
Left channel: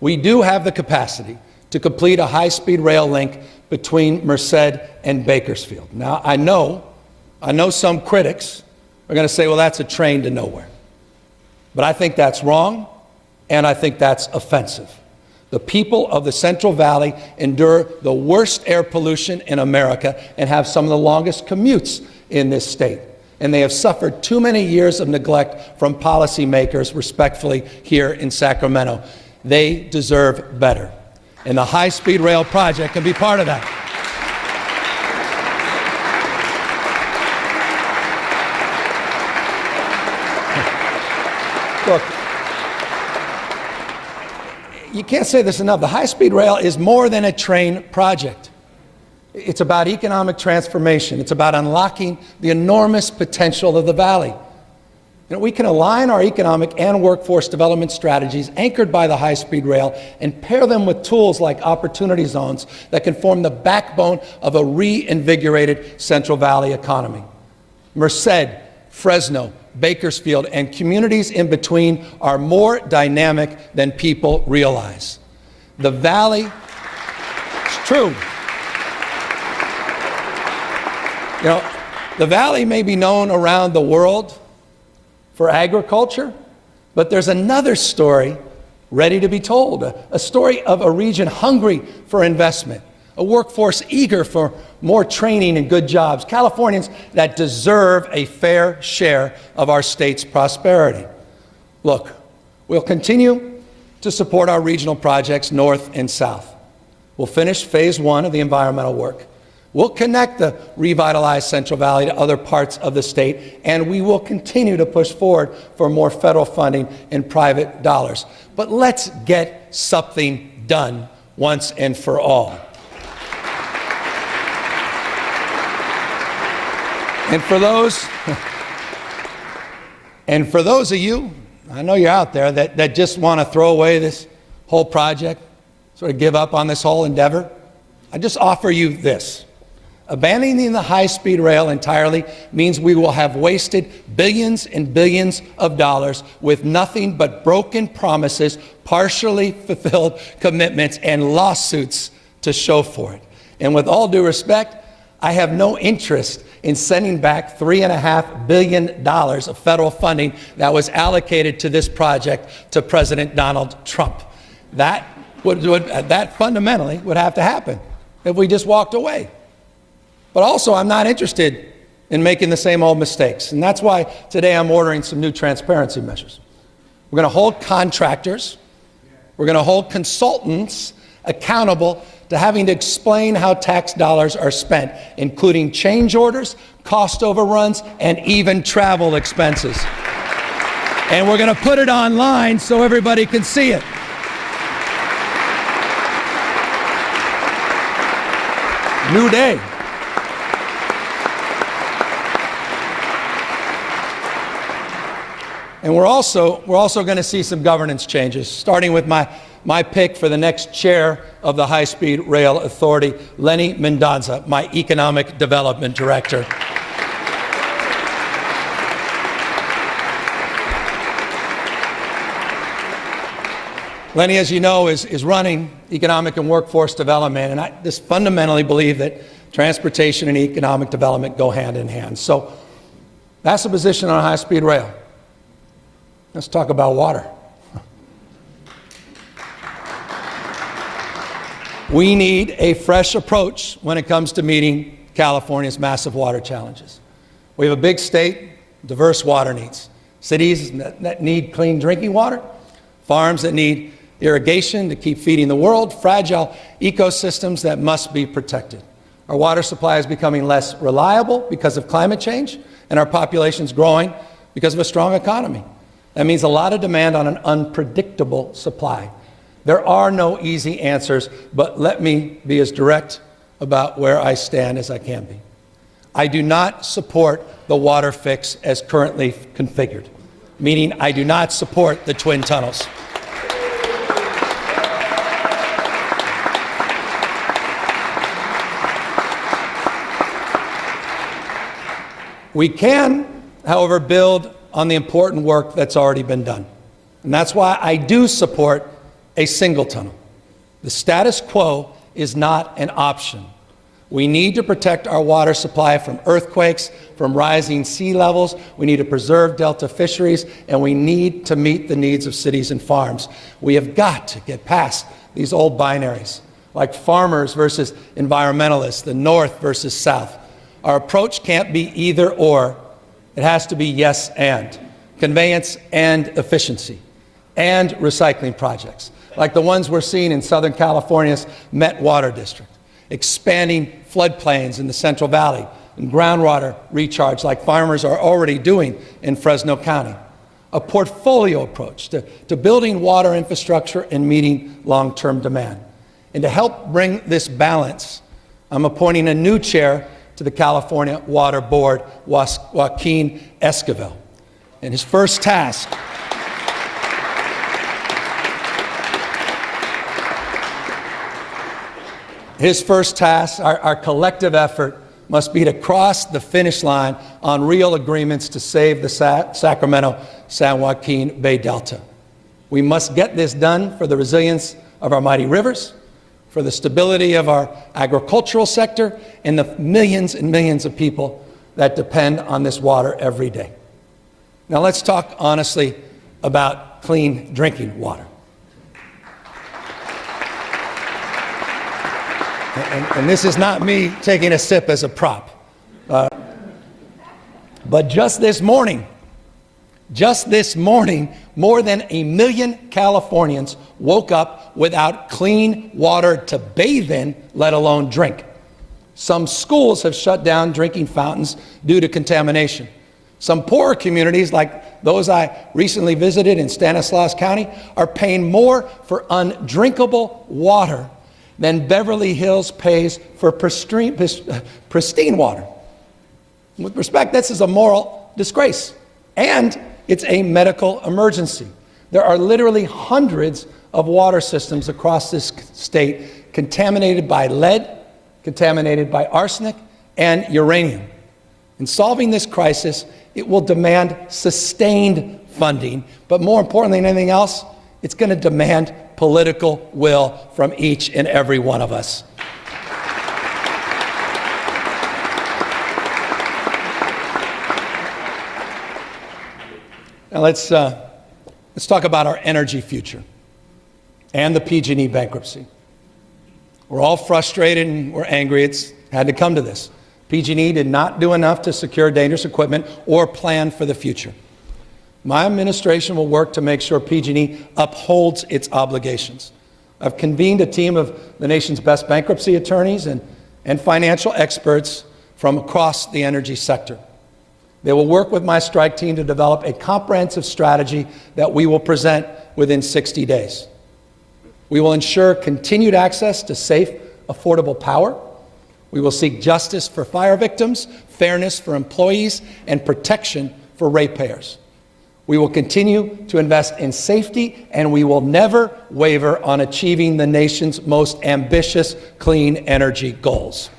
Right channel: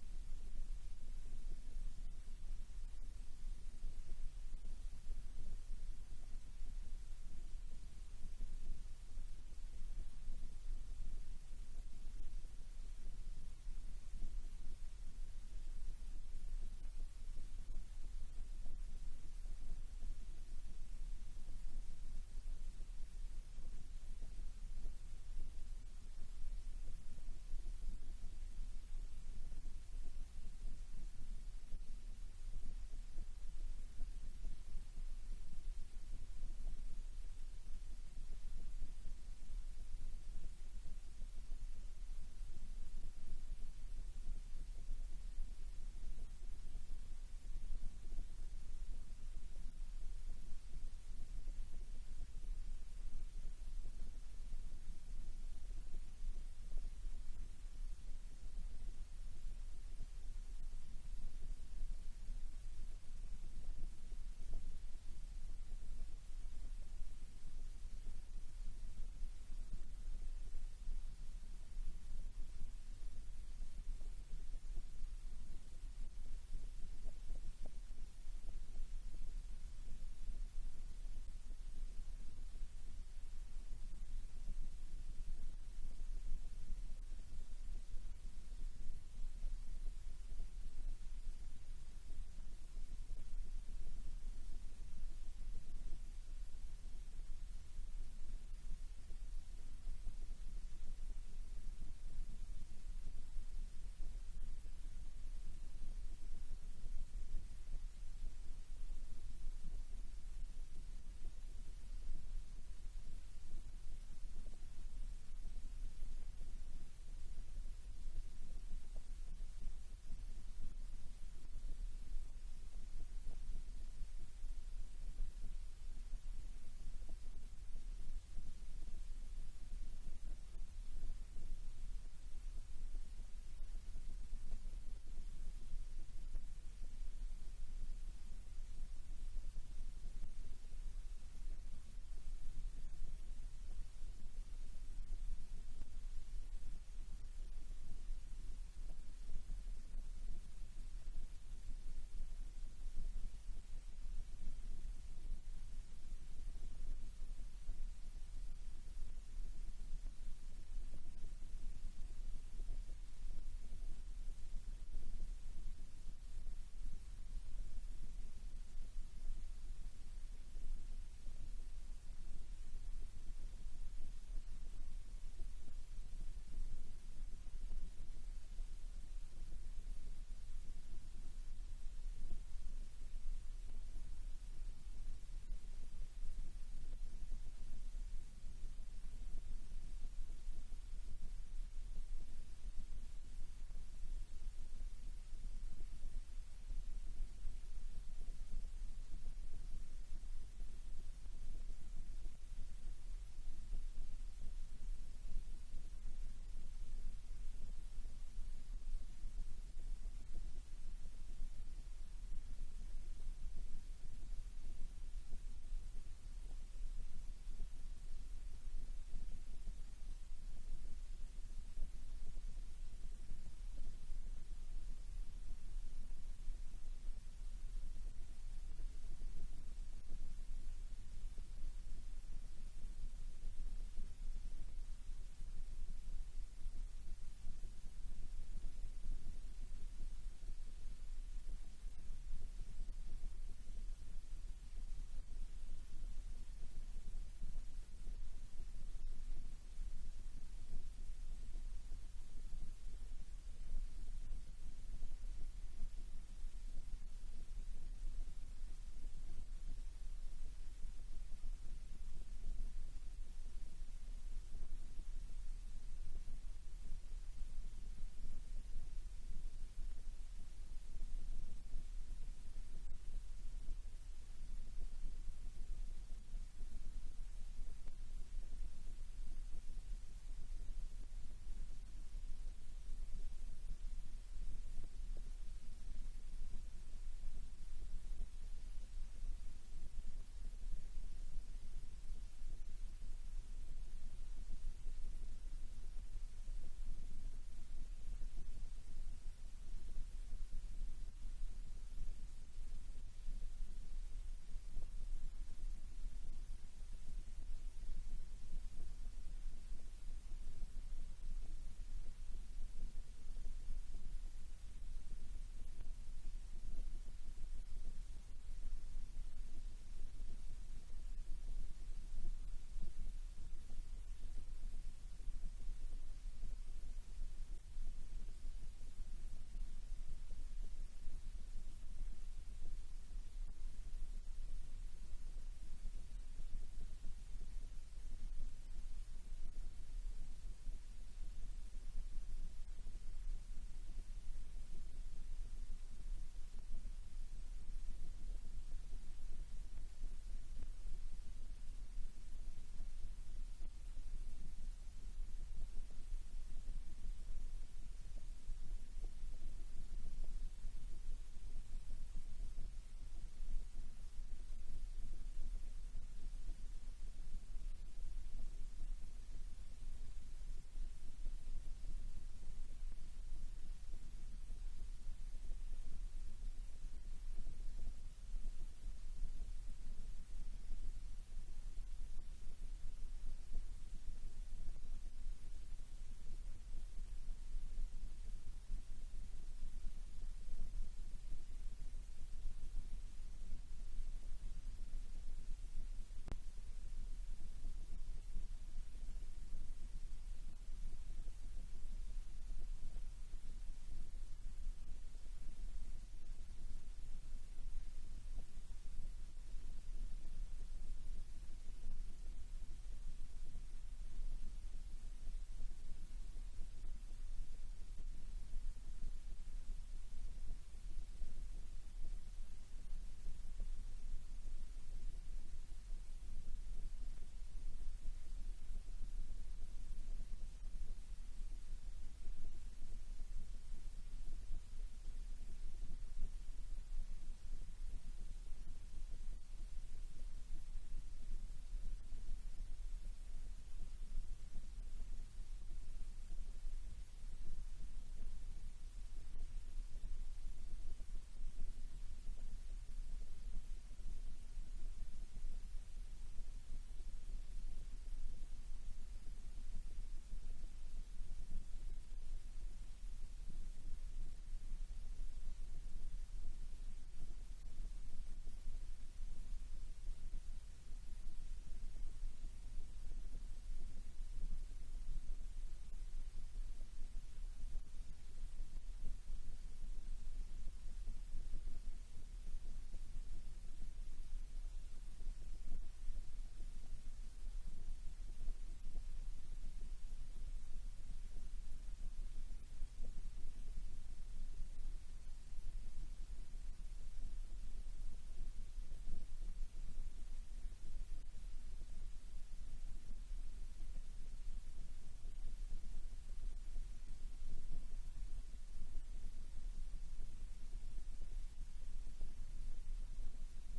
we do have the capacity to complete a high-speed rail link between Merced and Bakersfield. Now, I know some critics are going to say, well, that's a train to nowhere. But I think that's wrong, and I think that's offensive. The people of the Central Valley endure the worst air pollution in America and have some of the longest commutes in this state. And they have suffered too many years of neglect from policymakers, respectfully, here in Sacramento. They deserve better. And the high-speed rail project can be part of that. Look, you can't say this enough. The high-speed rail is more than a train project. It's about economic transformation. It's about unlocking the enormous potential of the valley. We can align our economic and workforce development strategies anchored by the high-speed rail and pair them with tools like opportunity zones that can form the backbone of a reinvigorated Central Valley economy. Merced, Fresno, Bakersfield, and communities in between are more dynamic than people realize. The valley, it's true. The valley may be known around the world for agriculture, but there's another story ready to be told, a story of a region hungry for investment, a workforce eager for more training and good jobs, Californians that deserve a fair share of our state's prosperity. Look, we'll continue to support our regional projects north and south. We'll finish phase 1 of the environmental work. We'll connect the revitalized Central Valley to other parts of the state, and we will continue to push forward for more federal funding and private dollars. But let's get something done once and for all. And for those of you, I know you're out there, that just want to throw away this whole project, sort of give up on this whole endeavor, I just offer you this. Abandoning the high-speed rail entirely means we will have wasted billions and billions of dollars with nothing but broken promises, partially fulfilled commitments, and lawsuits to show for it. And with all due respect, I have no interest in sending back $3.5 billion of federal funding that was allocated to this project to President Donald Trump. That fundamentally would have to happen if we just walked away. But also, I'm not interested in making the same old mistakes. And that's why today I'm ordering some new transparency measures. We're going to hold contractors, we're going to hold consultants accountable to having to explain how tax dollars are spent, including change orders, cost overruns, and even travel expenses. And we're going to put it online so everybody can see it. New day. And we're also going to see some governance changes, starting with my pick for the next chair of the High Speed Rail Authority, Lenny Mendoza, my Economic Development Director. Lenny, as you know, is running economic and workforce development, and I just fundamentally believe that transportation and economic development go hand in hand. So that's the position on high-speed rail. Let's talk about water. We need a fresh approach when it comes to meeting California's massive water challenges. We have a big state, diverse water needs. Cities that need clean drinking water, farms that need irrigation to keep feeding the world, fragile ecosystems that must be protected. Our water supply is becoming less reliable because of climate change, and our population is growing because of a strong economy. That means a lot of demand on an unpredictable supply. There are no easy answers, but let me be as direct about where I stand as I can be. I do not support the water fix as currently configured, meaning I do not support the twin tunnels. We can, however, build on the important work that's already been done. And that's why I do support a single tunnel. The status quo is not an option. We need to protect our water supply from earthquakes, from rising sea levels. We need to preserve delta fisheries, and we need to meet the needs of cities and farms. We have got to get past these old binaries, like farmers versus environmentalists, the North versus South. Our approach can't be either or. It has to be yes and. Conveyance and efficiency, and recycling projects, like the ones we're seeing in Southern California's Met Water District, expanding floodplains in the Central Valley, and groundwater recharge like farmers are already doing in Fresno County. A portfolio approach to building water infrastructure and meeting long-term demand. And to help bring this balance, I'm appointing a new chair to the California Water Board, Joaquin Esquivel. And his first task our collective effort, must be to cross the finish line on real agreements to save the Sacramento-San Joaquin Bay Delta. We must get this done for the resilience of our mighty rivers, for the stability of our agricultural sector, and the millions and millions of people that depend on this water every day. Now let's talk honestly about clean drinking water. And this is not me taking a sip as a prop. But just this morning, more than 1 million Californians woke up without clean water to bathe in, let alone drink. Some schools have shut down drinking fountains due to contamination. Some poorer communities, like those I recently visited in Stanislaus County, are paying more for undrinkable water than Beverly Hills pays for pristine water. With respect, this is a moral disgrace, and it's a medical emergency. There are literally hundreds of water systems across this state contaminated by lead, contaminated by arsenic, and uranium. In solving this crisis, it will demand sustained funding, but more importantly than anything else, it's going to demand political will from each and every one of us. Now let's talk about our energy future and the PG&E bankruptcy. We're all frustrated and we're angry. It's had to come to this. PG&E did not do enough to secure dangerous equipment or plan for the future. My administration will work to make sure PG&E upholds its obligations. I've convened a team of the nation's best bankruptcy attorneys and financial experts from across the energy sector. They will work with my strike team to develop a comprehensive strategy that we will present within 60 days. We will ensure continued access to safe, affordable power. We will seek justice for fire victims, fairness for employees, and protection for ratepayers. We will continue to invest in safety, and we will never waver on achieving the nation's most ambitious clean energy goals.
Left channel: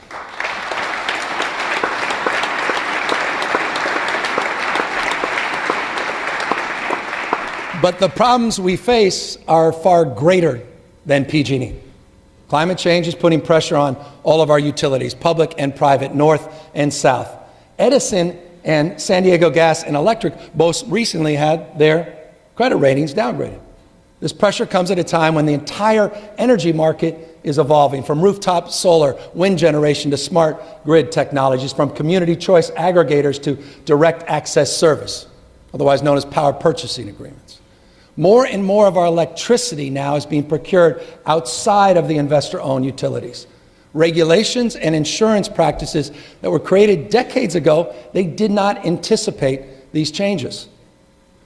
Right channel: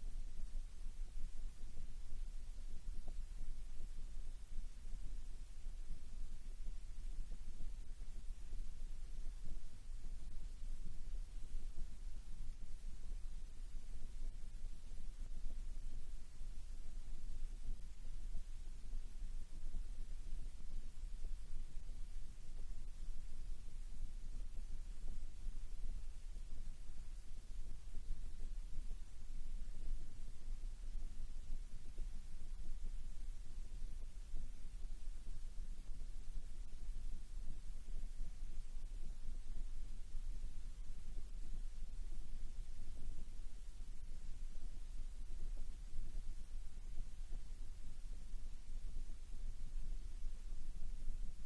But the problems we face are far greater than PG&E. Climate change is putting pressure on all of our utilities, public and private, north and south. Edison and San Diego Gas and Electric most recently had their credit ratings downgraded. This pressure comes at a time when the entire energy market is evolving, from rooftop solar, wind generation to smart grid technologies, from community choice aggregators to direct access service, otherwise known as power purchasing agreements. More and more of our electricity now is being procured outside of the investor-owned utilities. Regulations and insurance practices that were created decades ago, they did not anticipate these changes.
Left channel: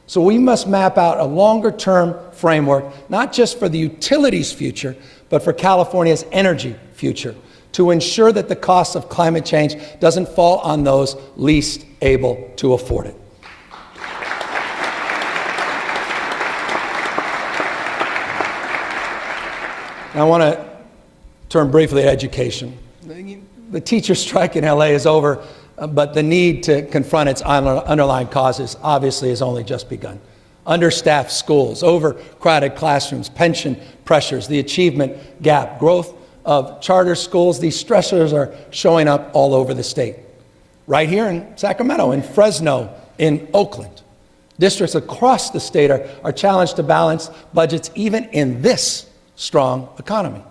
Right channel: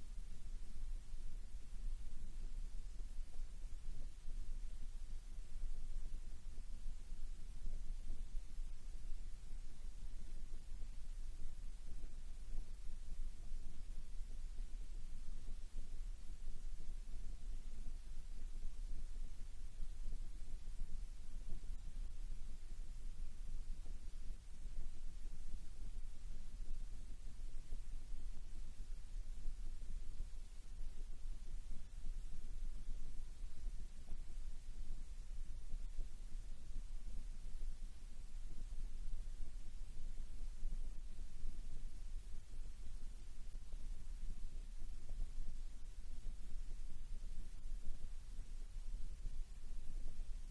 So we must map out a longer-term framework, not just for the utilities' future, but for California's energy future, to ensure that the cost of climate change doesn't fall on those least able to afford it. Now, I want to turn briefly to education. The teacher strike in LA is over. but the need to confront its underlying causes obviously has only just begun. Understaffed schools, overcrowded classrooms, pension pressures, the achievement gap, growth of charter schools, these stressors are showing up all over the state. Right here in Sacramento, in Fresno, in Oakland. Districts across the state are challenged to balance budgets even in this strong economy.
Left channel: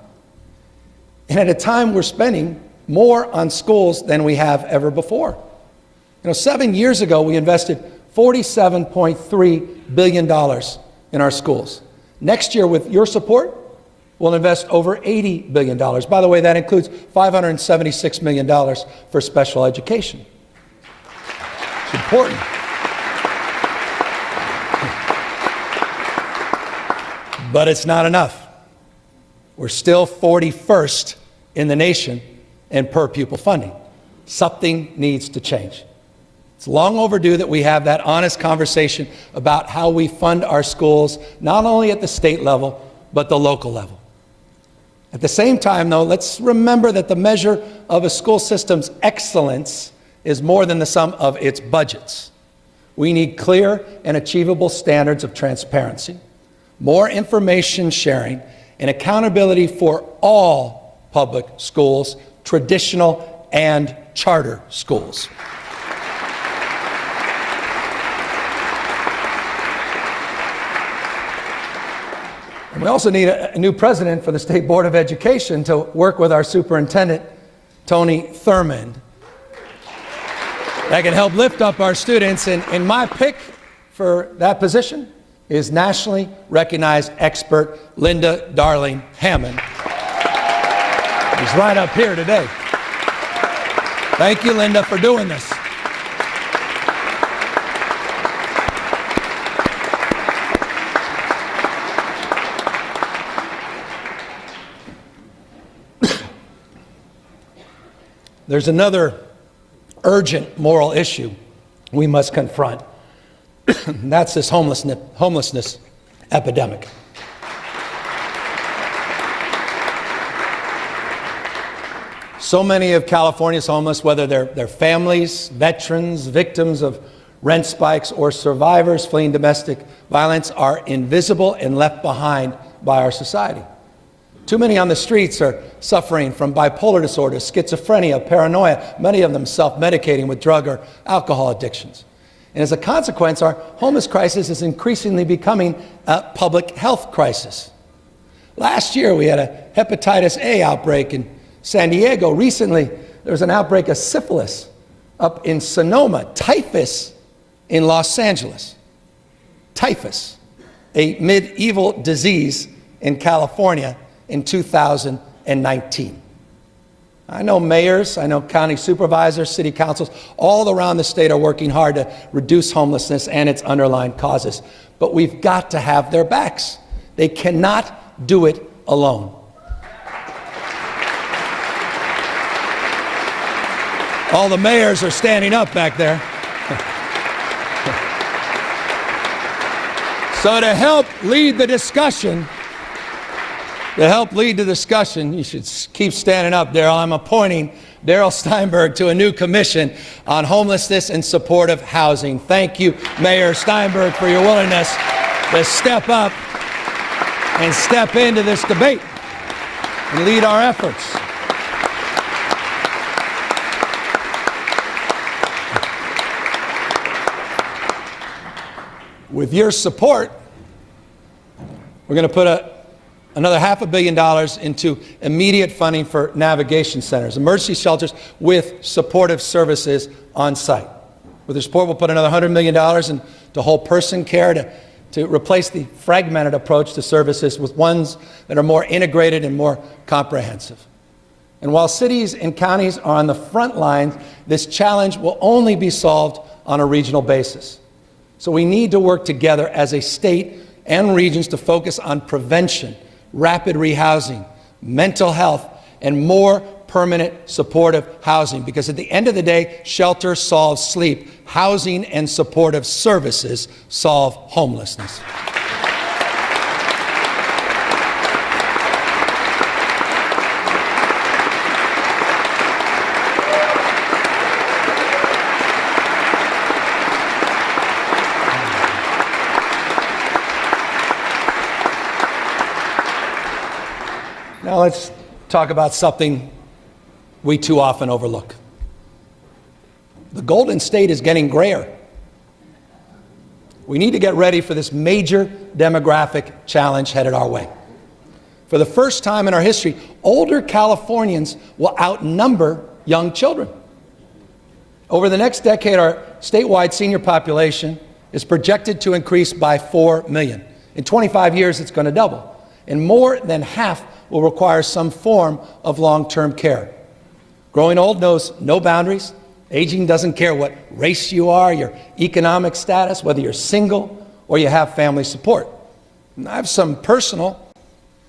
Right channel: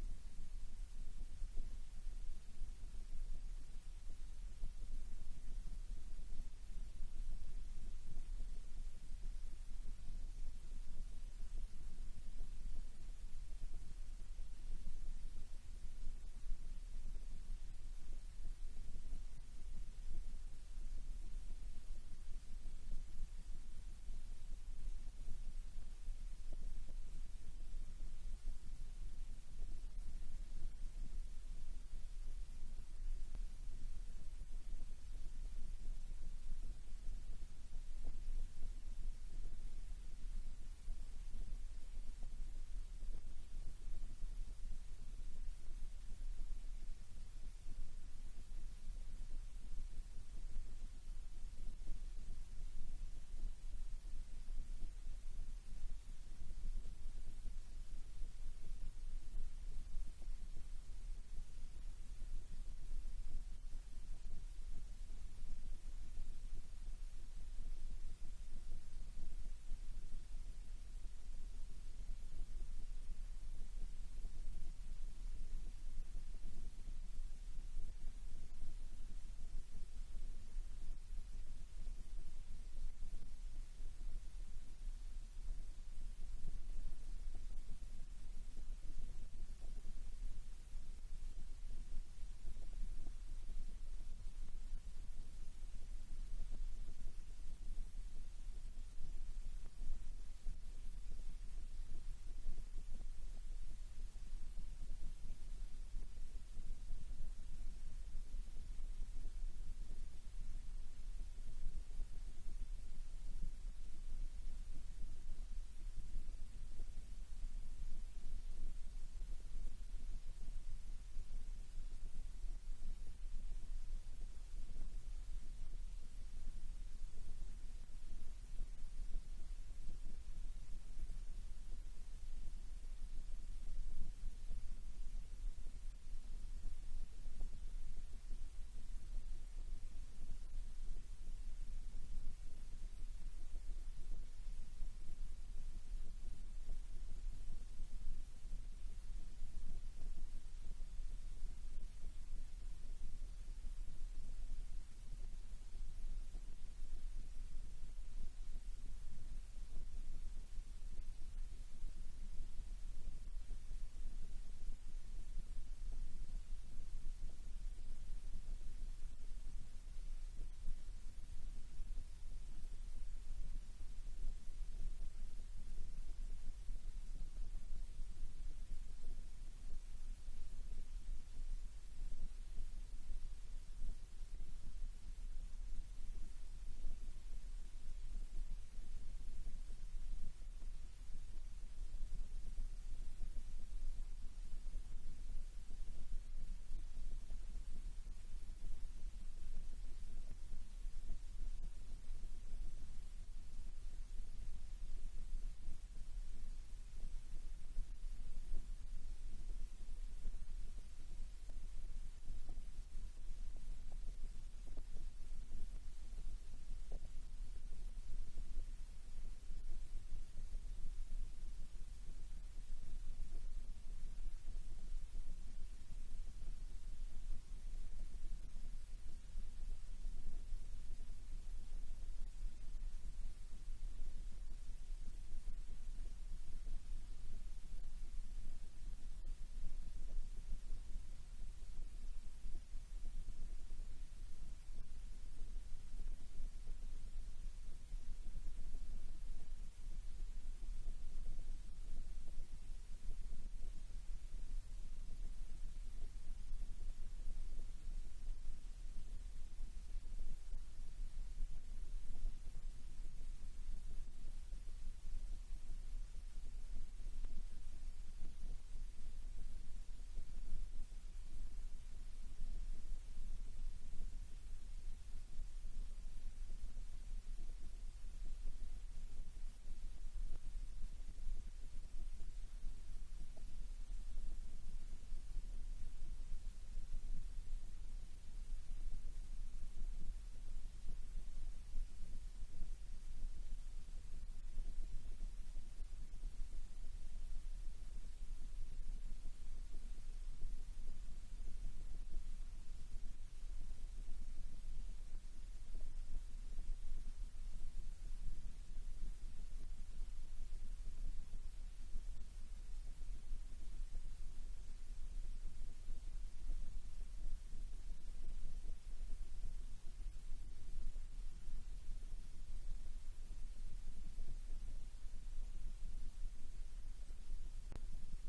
And at a time we're spending more on schools than we have ever before. 7 years ago, we invested $47.3 billion in our schools. Next year, with your support, we'll invest over $80 billion. By the way, that includes $576 million for special education. It's important. But it's not enough. We're still 41st in the nation in per pupil funding. Something needs to change. It's long overdue that we have that honest conversation about how we fund our schools, not only at the state level, but the local level. At the same time, though, let's remember that the measure of a school system's excellence is more than the sum of its budgets. We need clear and achievable standards of transparency, more information sharing, and accountability for all public schools, traditional and charter schools. And we also need a new president for the State Board of Education to work with our superintendent, Tony Thurmond, that can help lift up our students. And my pick for that position is nationally recognized expert Linda Darling Hammond. She's right up here today. Thank you, Linda, for doing this. There's another urgent moral issue we must confront. And that's this homelessness epidemic. So many of California's homeless, whether they're families, veterans, victims of rent spikes, or survivors fleeing domestic violence, are invisible and left behind by our society. Too many on the streets are suffering from bipolar disorder, schizophrenia, paranoia, many of them self-medicating with drug or alcohol addictions. And as a consequence, our homeless crisis is increasingly becoming a public health crisis. Last year, we had a hepatitis A outbreak in San Diego. Recently, there was an outbreak of syphilis up in Sonoma, typhus in Los Angeles. Typhus, a medieval disease in California in 2019. I know mayors, I know county supervisors, city councils, all around the state are working hard to reduce homelessness and its underlying causes. But we've got to have their backs. They cannot do it alone. All the mayors are standing up back there. So to help lead the discussion, you should keep standing up, Daryl. I'm appointing Daryl Steinberg to a new commission on homelessness and supportive housing. Thank you, Mayor Steinberg, for your willingness to step up and step into this debate and lead our efforts. With your support, we're going to put another $500 million into immediate funding for navigation centers, emergency shelters with supportive services on site. With your support, we'll put another $100 million into whole person care to replace the fragmented approach to services with ones that are more integrated and more comprehensive. And while cities and counties are on the front lines, this challenge will only be solved on a regional basis. So we need to work together as a state and regions to focus on prevention, rapid rehousing, mental health, and more permanent supportive housing. Because at the end of the day, shelter solves sleep. Housing and supportive services solve homelessness. Now let's talk about something we too often overlook. The Golden State is getting grayer. We need to get ready for this major demographic challenge headed our way. For the first time in our history, older Californians will outnumber young children. Over the next decade, our statewide senior population is projected to increase by 4 million. In 25 years, it's going to double. And more than half will require some form of long-term care. Growing old knows no boundaries. Aging doesn't care what race you are, your economic status, whether you're single or you have family support. And I have some personal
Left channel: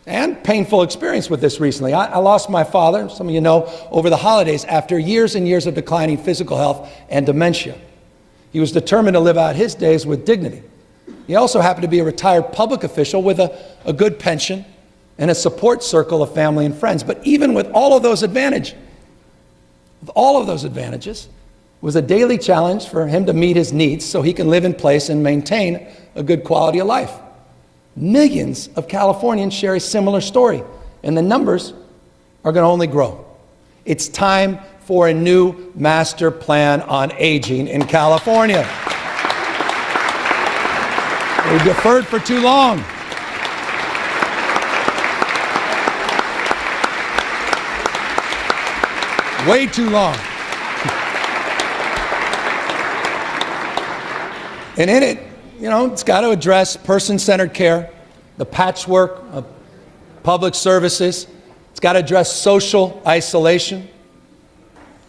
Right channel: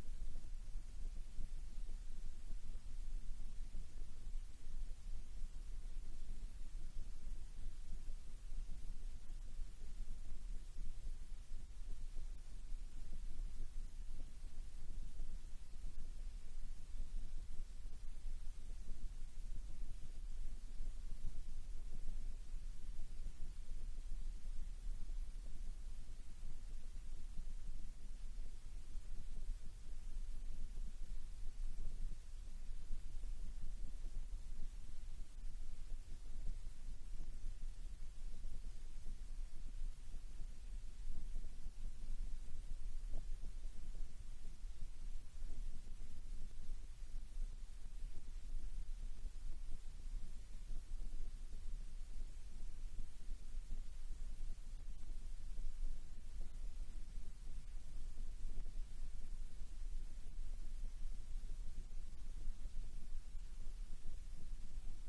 and painful experience with this recently. I lost my father, some of you know, over the holidays after years and years of declining physical health and dementia. He was determined to live out his days with dignity. He also happened to be a retired public official with a good pension and a support circle of family and friends. But even with all of those advantages, it was a daily challenge for him to meet his needs so he can live in place and maintain a good quality of life. Millions of Californians share a similar story, and the numbers are going to only grow. It's time for a new master plan on aging in California. We deferred for too long. Way too long. And in it, it's got to address person-centered care, the patchwork of public services. It's got to address social isolation,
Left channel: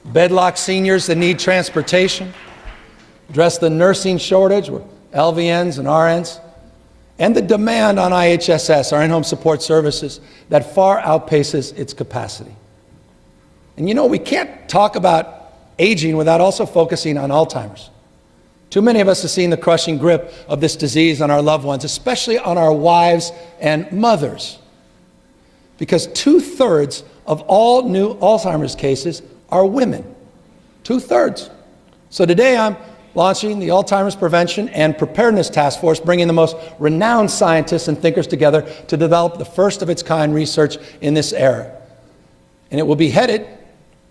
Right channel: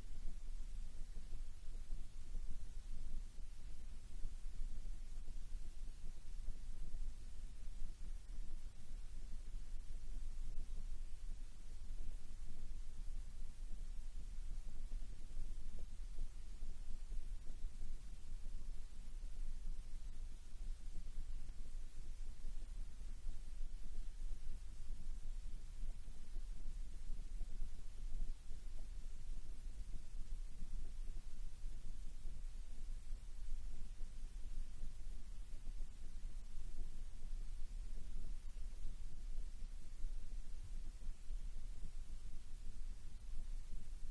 bedlock seniors that need transportation, address the nursing shortage with LVNs and RNs, and the demand on IHSS, our in-home support services, that far outpaces its capacity. And we can't talk about aging without also focusing on Alzheimer's. Too many of us have seen the crushing grip of this disease on our loved ones, especially on our wives and mothers. Because 2/3 of all new Alzheimer's cases are women. 2/3. So today I'm launching the Alzheimer's Prevention and Preparedness Task Force, bringing the most renowned scientists and thinkers together to develop the first of its kind research in this era. And it will be headed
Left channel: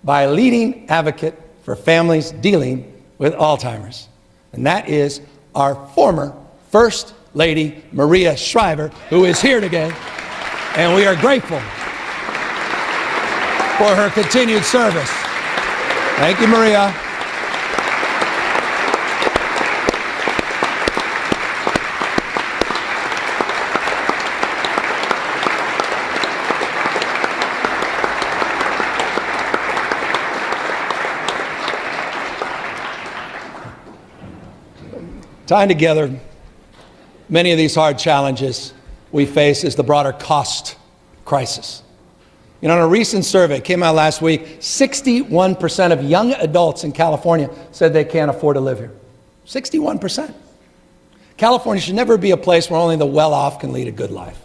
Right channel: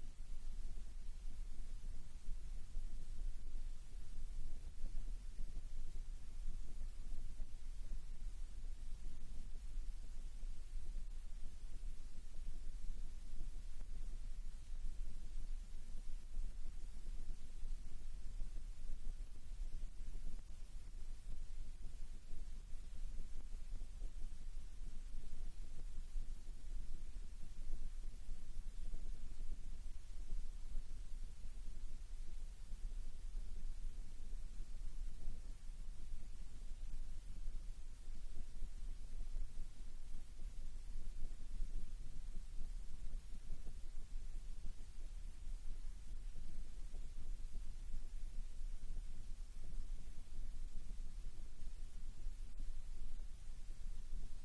by a leading advocate for families dealing with Alzheimer's. And that is our former First Lady, Maria Shriver, who is here today. And we are grateful for her continued service. Thank you, Maria. Tying together many of these hard challenges we face is the broader cost crisis. In a recent survey, it came out last week, 61% of young adults in California said they can't afford to live here. 61%. California should never be a place where only the well-off can lead a good life.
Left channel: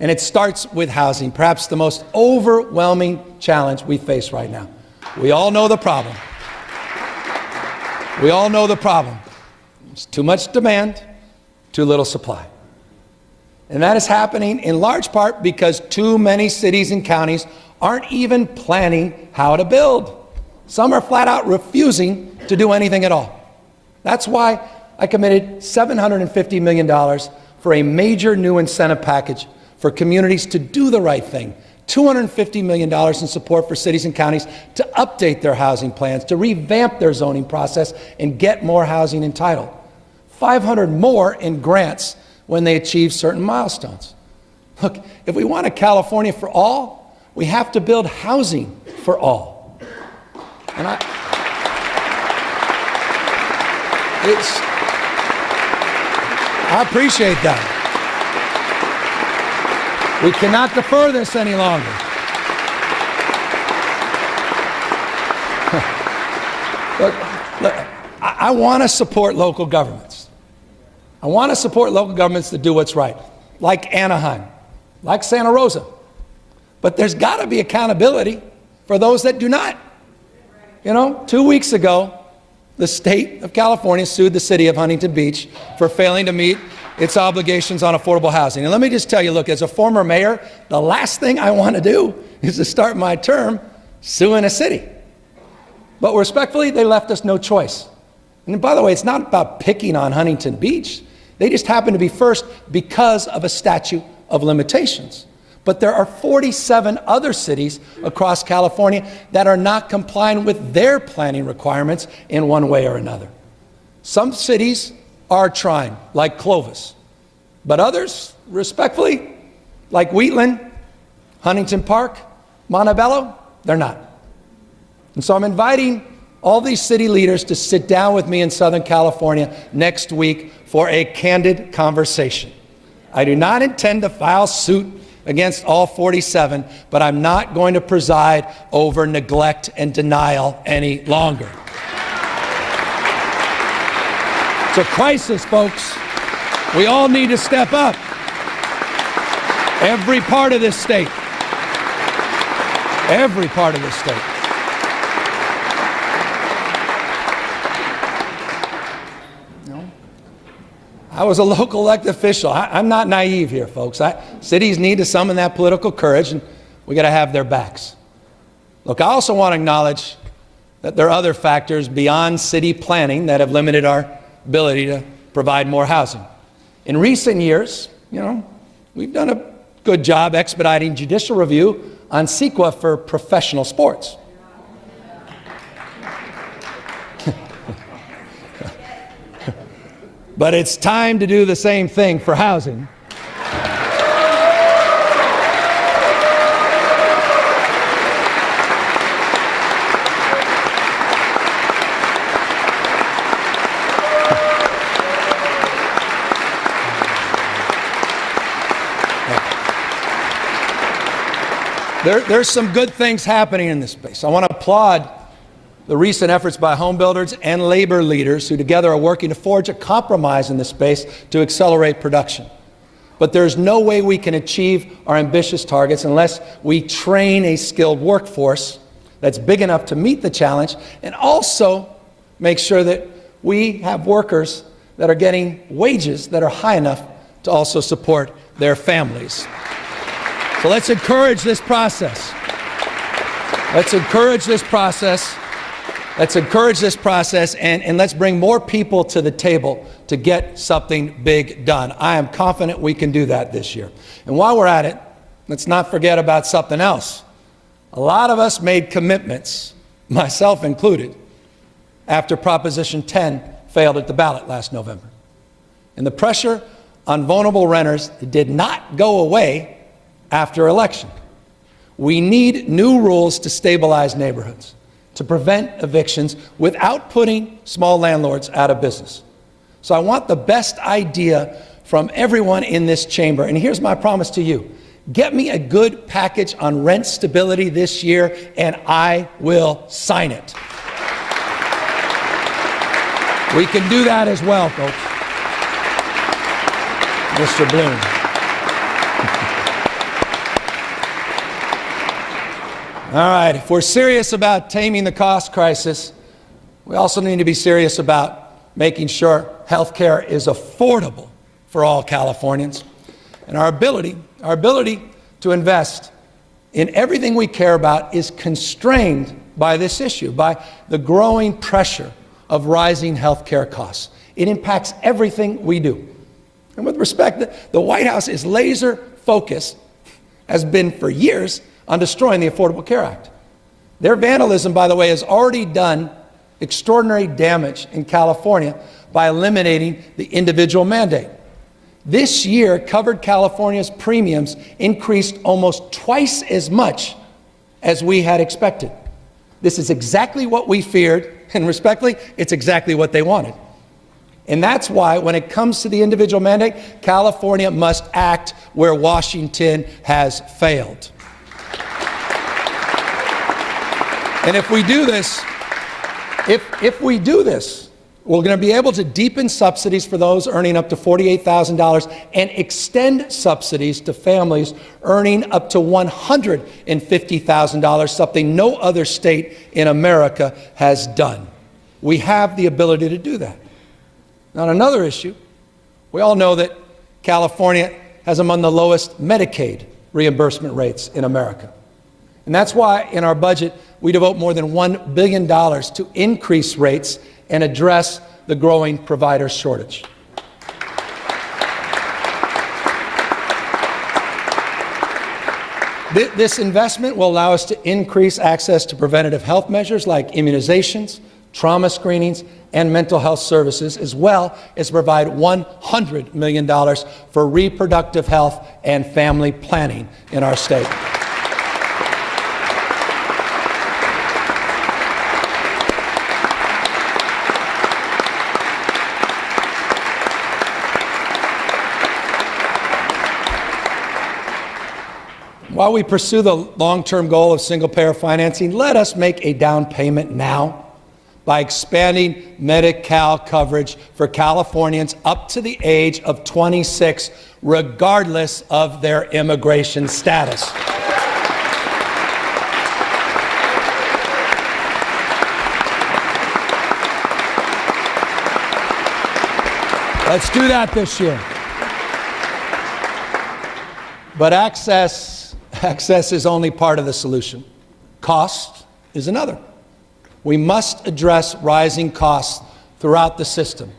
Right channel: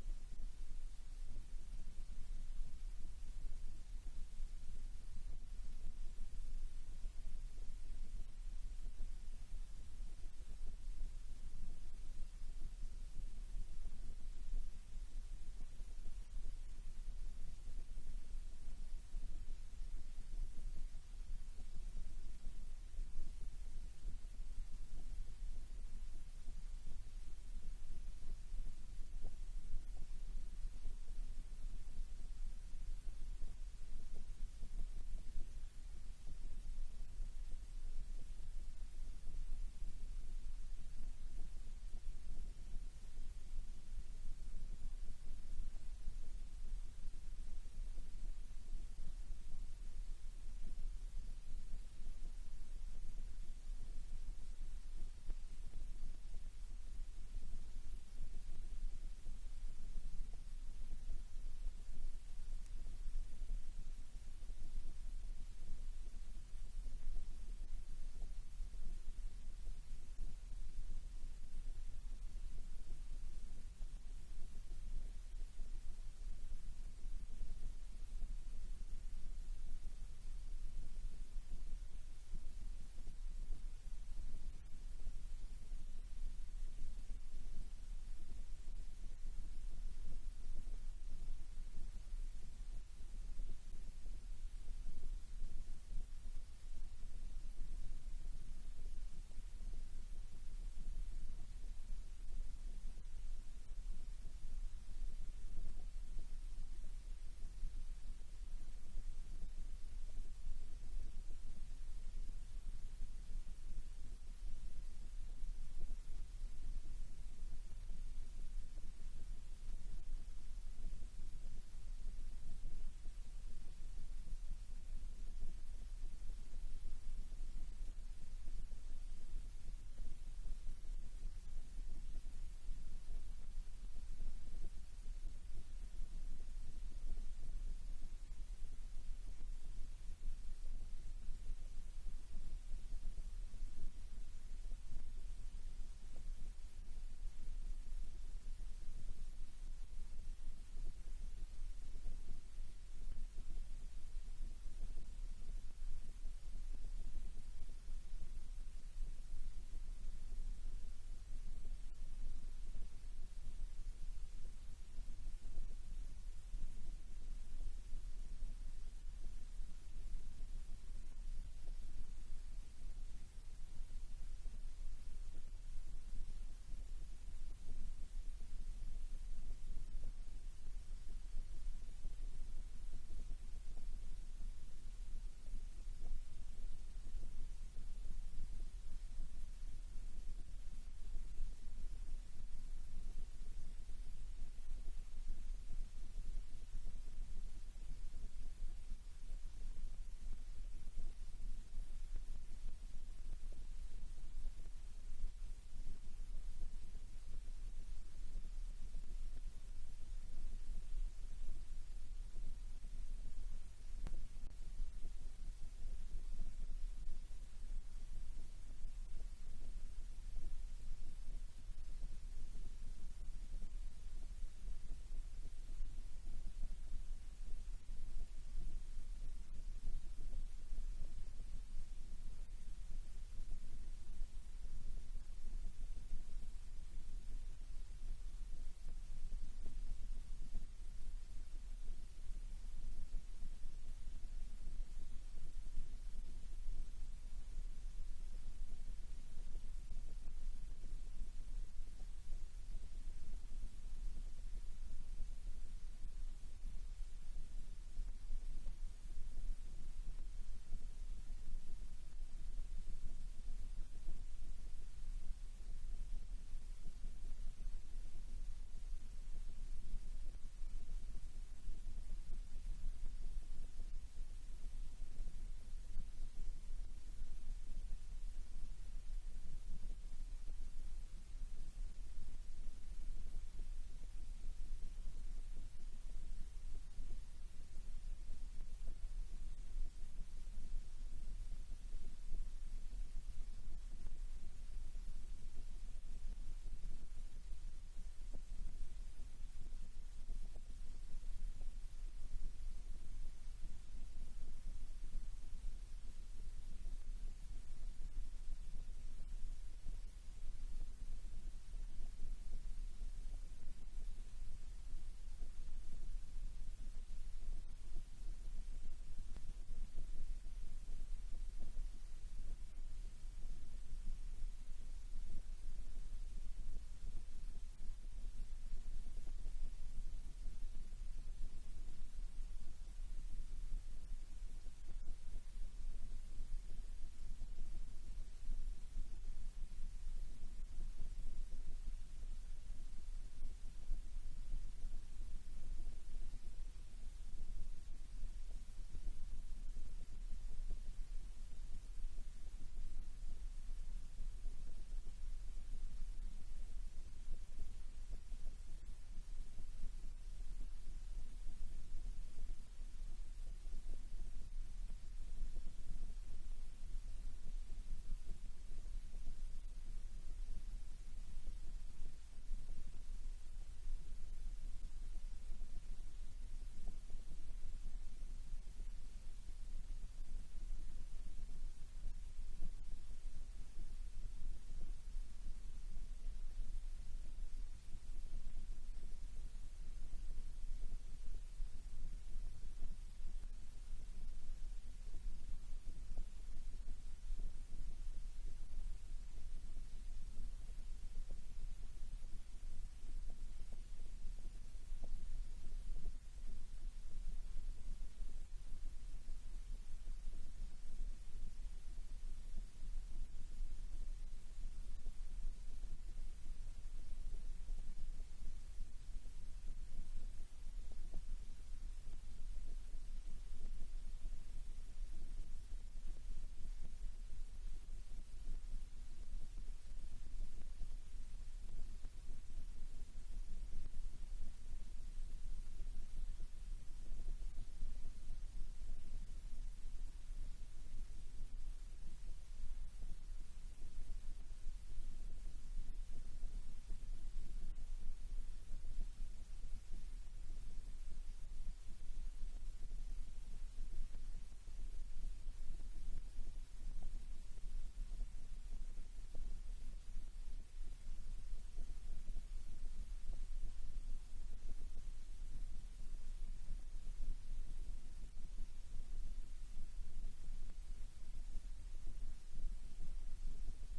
And it starts with housing, perhaps the most overwhelming challenge we face right now. We all know the problem. We all know the problem. There's too much demand, too little supply. And that is happening in large part because too many cities and counties aren't even planning how to build. Some are flat out refusing to do anything at all. That's why I committed $750 million for a major new incentive package for communities to do the right thing. $250 million in support for cities and counties to update their housing plans, to revamp their zoning process and get more housing entitled. 500 more in grants when they achieve certain milestones. Look, if we want a California for all, we have to build housing for all. And I appreciate that. We cannot defer this any longer. Look, I want to support local governments. I want to support local governments to do what's right, like Anaheim, like Santa Rosa. But there's got to be accountability for those that do not. 2 weeks ago, the state of California sued the city of Huntington Beach for failing to meet its obligations on affordable housing. And let me just tell you, look, as a former mayor, the last thing I want to do is to start my term suing a city. But respectfully, they left us no choice. And by the way, it's not about picking on Huntington Beach. They just happen to be first because of a statute of limitations. But there are 47 other cities across California that are not complying with their planning requirements in one way or another. Some cities are trying, like Clovis, but others, respectfully, like Wheatland, Huntington Park, Montebello, they're not. And so I'm inviting all these city leaders to sit down with me in Southern California next week for a candid conversation. I do not intend to file suit against all 47, but I'm not going to preside over neglect and denial any longer. It's a crisis, folks. We all need to step up. Every part of this state. Every part of this state. I was a local elected official. I'm not naive here, folks. Cities need to summon that political courage, and we got to have their backs. Look, I also want to acknowledge that there are other factors beyond city planning that have limited our ability to provide more housing. In recent years, we've done a good job expediting judicial review on CEQA for professional sports. But it's time to do the same thing for housing. There's some good things happening in this space. I want to applaud the recent efforts by home builders and labor leaders who together are working to forge a compromise in this space to accelerate production. But there's no way we can achieve our ambitious targets unless we train a skilled workforce that's big enough to meet the challenge, and also make sure that we have workers that are getting wages that are high enough to also support their families. So let's encourage this process. Let's encourage this process. Let's encourage this process, and let's bring more people to the table to get something big done. I am confident we can do that this year. And while we're at it, let's not forget about something else. A lot of us made commitments, myself included, after Proposition 10 failed at the ballot last November. And the pressure on vulnerable renters did not go away after election. We need new rules to stabilize neighborhoods, to prevent evictions without putting small landlords out of business. So I want the best idea from everyone in this chamber, and here's my promise to you. Get me a good package on rent stability this year, and I will sign it. We can do that as well, folks. Mr. Bloom. All right, if we're serious about taming the cost crisis, we also need to be serious about making sure health care is affordable for all Californians. And our ability to invest in everything we care about is constrained by this issue, by the growing pressure of rising health care costs. It impacts everything we do. And with respect, the White House is laser focused, has been for years, on destroying the Affordable Care Act. Their vandalism, by the way, has already done extraordinary damage in California by eliminating the individual mandate. This year, covered California's premiums increased almost twice as much as we had expected. This is exactly what we feared, and respectfully, it's exactly what they wanted. And that's why, when it comes to the individual mandate, California must act where Washington has failed. And if we do this, we're going to be able to deepen subsidies for those earning up to $48,000 and extend subsidies to families earning up to $150,000, something no other state in America has done. We have the ability to do that. Now, on another issue, we all know that California has among the lowest Medicaid reimbursement rates in America. And that's why in our budget, we devote more than $1 billion to increase rates and address the growing provider shortage. This investment will allow us to increase access to preventative health measures like immunizations, trauma screenings, and mental health services, as well as provide $100 million for reproductive health and family planning in our state. While we pursue the long-term goal of single-payer financing, let us make a down payment now by expanding Medi-Cal coverage for Californians up to the age of 26, regardless of their immigration status. Let's do that this year. But access is only part of the solution. Cost is another. We must address rising costs throughout the system,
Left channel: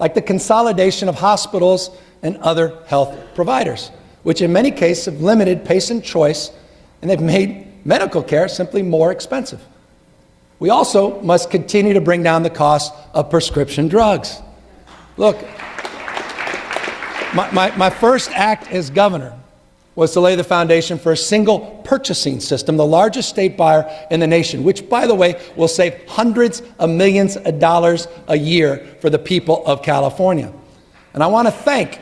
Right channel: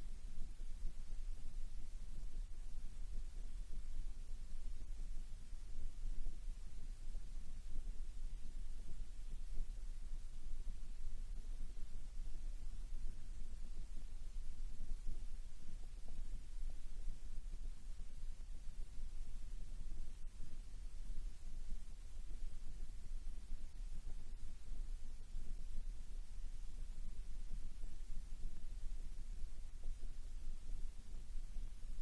like the consolidation of hospitals and other health providers, which in many cases have limited patient choice and they've made medical care simply more expensive. We also must continue to bring down the cost of prescription drugs. Look, my first act as governor was to lay the foundation for a single purchasing system, the largest state buyer in the nation, which, by the way, will save hundreds of millions of dollars a year for the people of California. And I want to thank,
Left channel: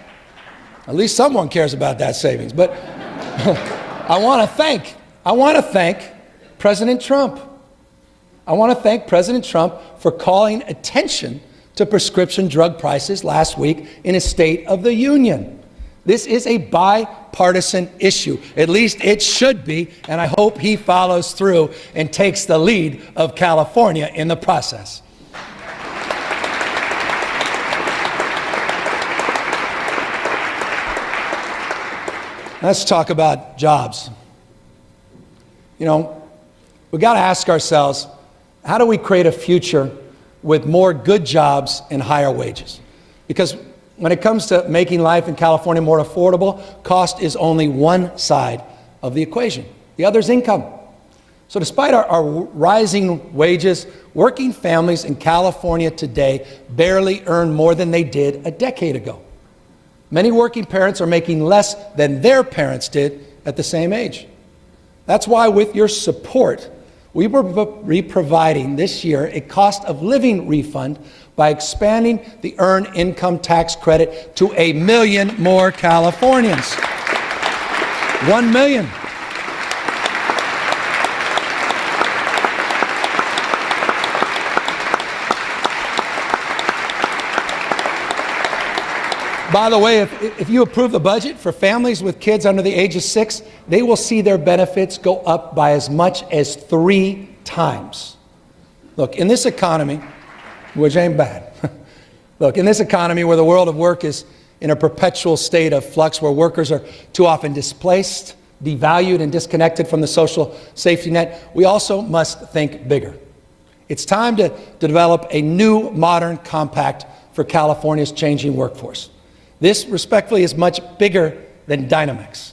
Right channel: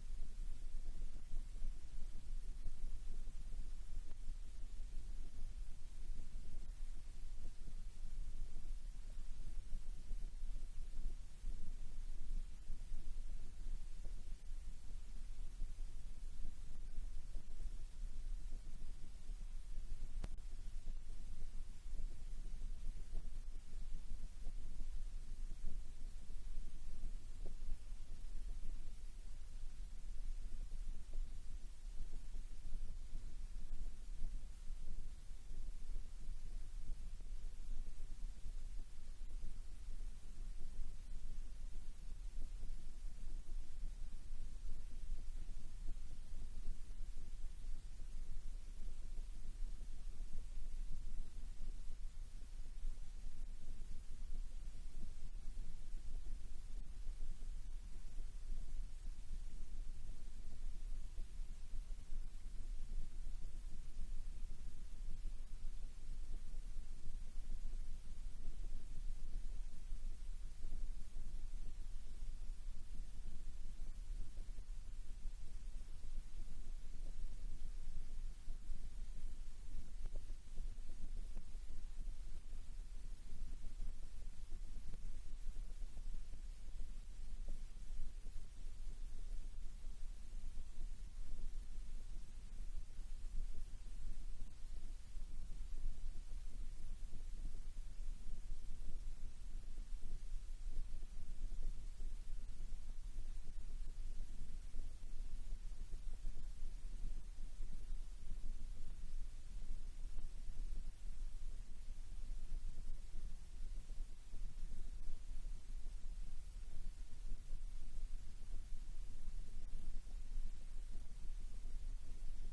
at least someone cares about that savings, but I want to thank President Trump. I want to thank President Trump for calling attention to prescription drug prices last week in his State of the Union. This is a bipartisan issue. At least it should be, and I hope he follows through and takes the lead of California in the process. Let's talk about jobs. You know, we got to ask ourselves, how do we create a future with more good jobs and higher wages? Because when it comes to making life in California more affordable, cost is only one side of the equation. The other is income. So despite our rising wages, working families in California today barely earn more than they did a decade ago. Many working parents are making less than their parents did at the same age. That's why, with your support, we will be providing this year a cost of living refund by expanding the Earned Income Tax Credit to 1 million more Californians. 1 million. By the way, if you approve the budget for families with kids under the age of 6, they will see their benefits go up by as much as 3 times. Look, in this economy, which ain't bad. Look, in this economy where the world of work is in a perpetual state of flux, where workers are too often displaced, devalued, and disconnected from the social safety net, we also must think bigger. It's time to develop a new modern compact for California's changing workforce. This, respectfully, is much bigger than Dynamex.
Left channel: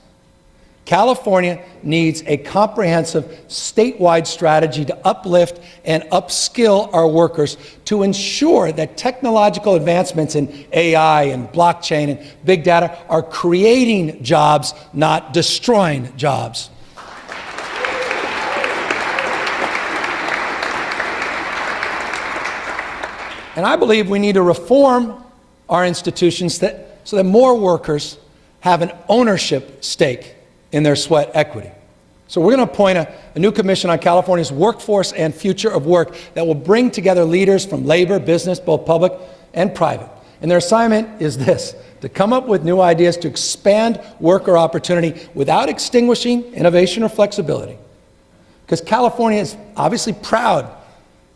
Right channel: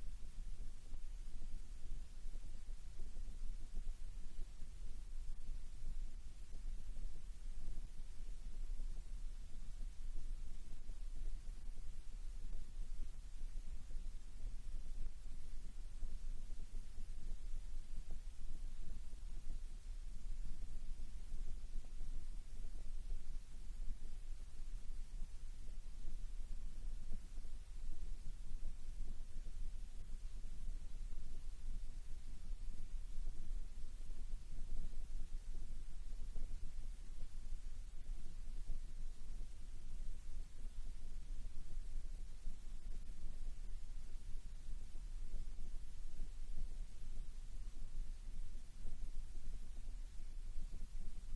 California needs a comprehensive statewide strategy to uplift and upskill our workers to ensure that technological advancements in AI and blockchain and big data are creating jobs, not destroying jobs. And I believe we need to reform our institutions so that more workers have an ownership stake in their sweat equity. So we're going to appoint a new commission on California's workforce and future of work that will bring together leaders from labor, business, both public and private. And their assignment is this: to come up with new ideas to expand worker opportunity without extinguishing innovation or flexibility. Because California is obviously proud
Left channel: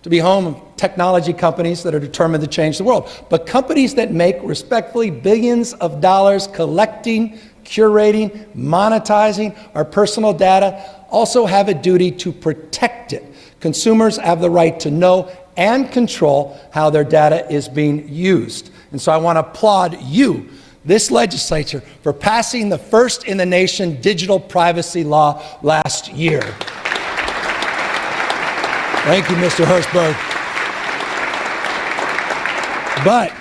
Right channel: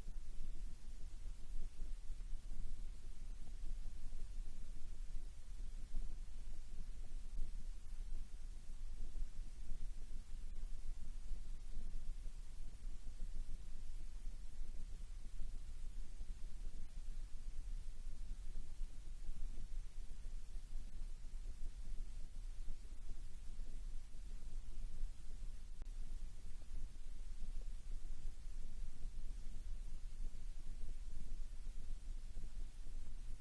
to be home of technology companies that are determined to change the world, but companies that make respectfully billions of dollars collecting, curating, monetizing our personal data also have a duty to protect it. Consumers have the right to know and control how their data is being used. And so I want to applaud you, this legislature, for passing the first in the nation digital privacy law last year. Thank you, Mr. Hershberg. But,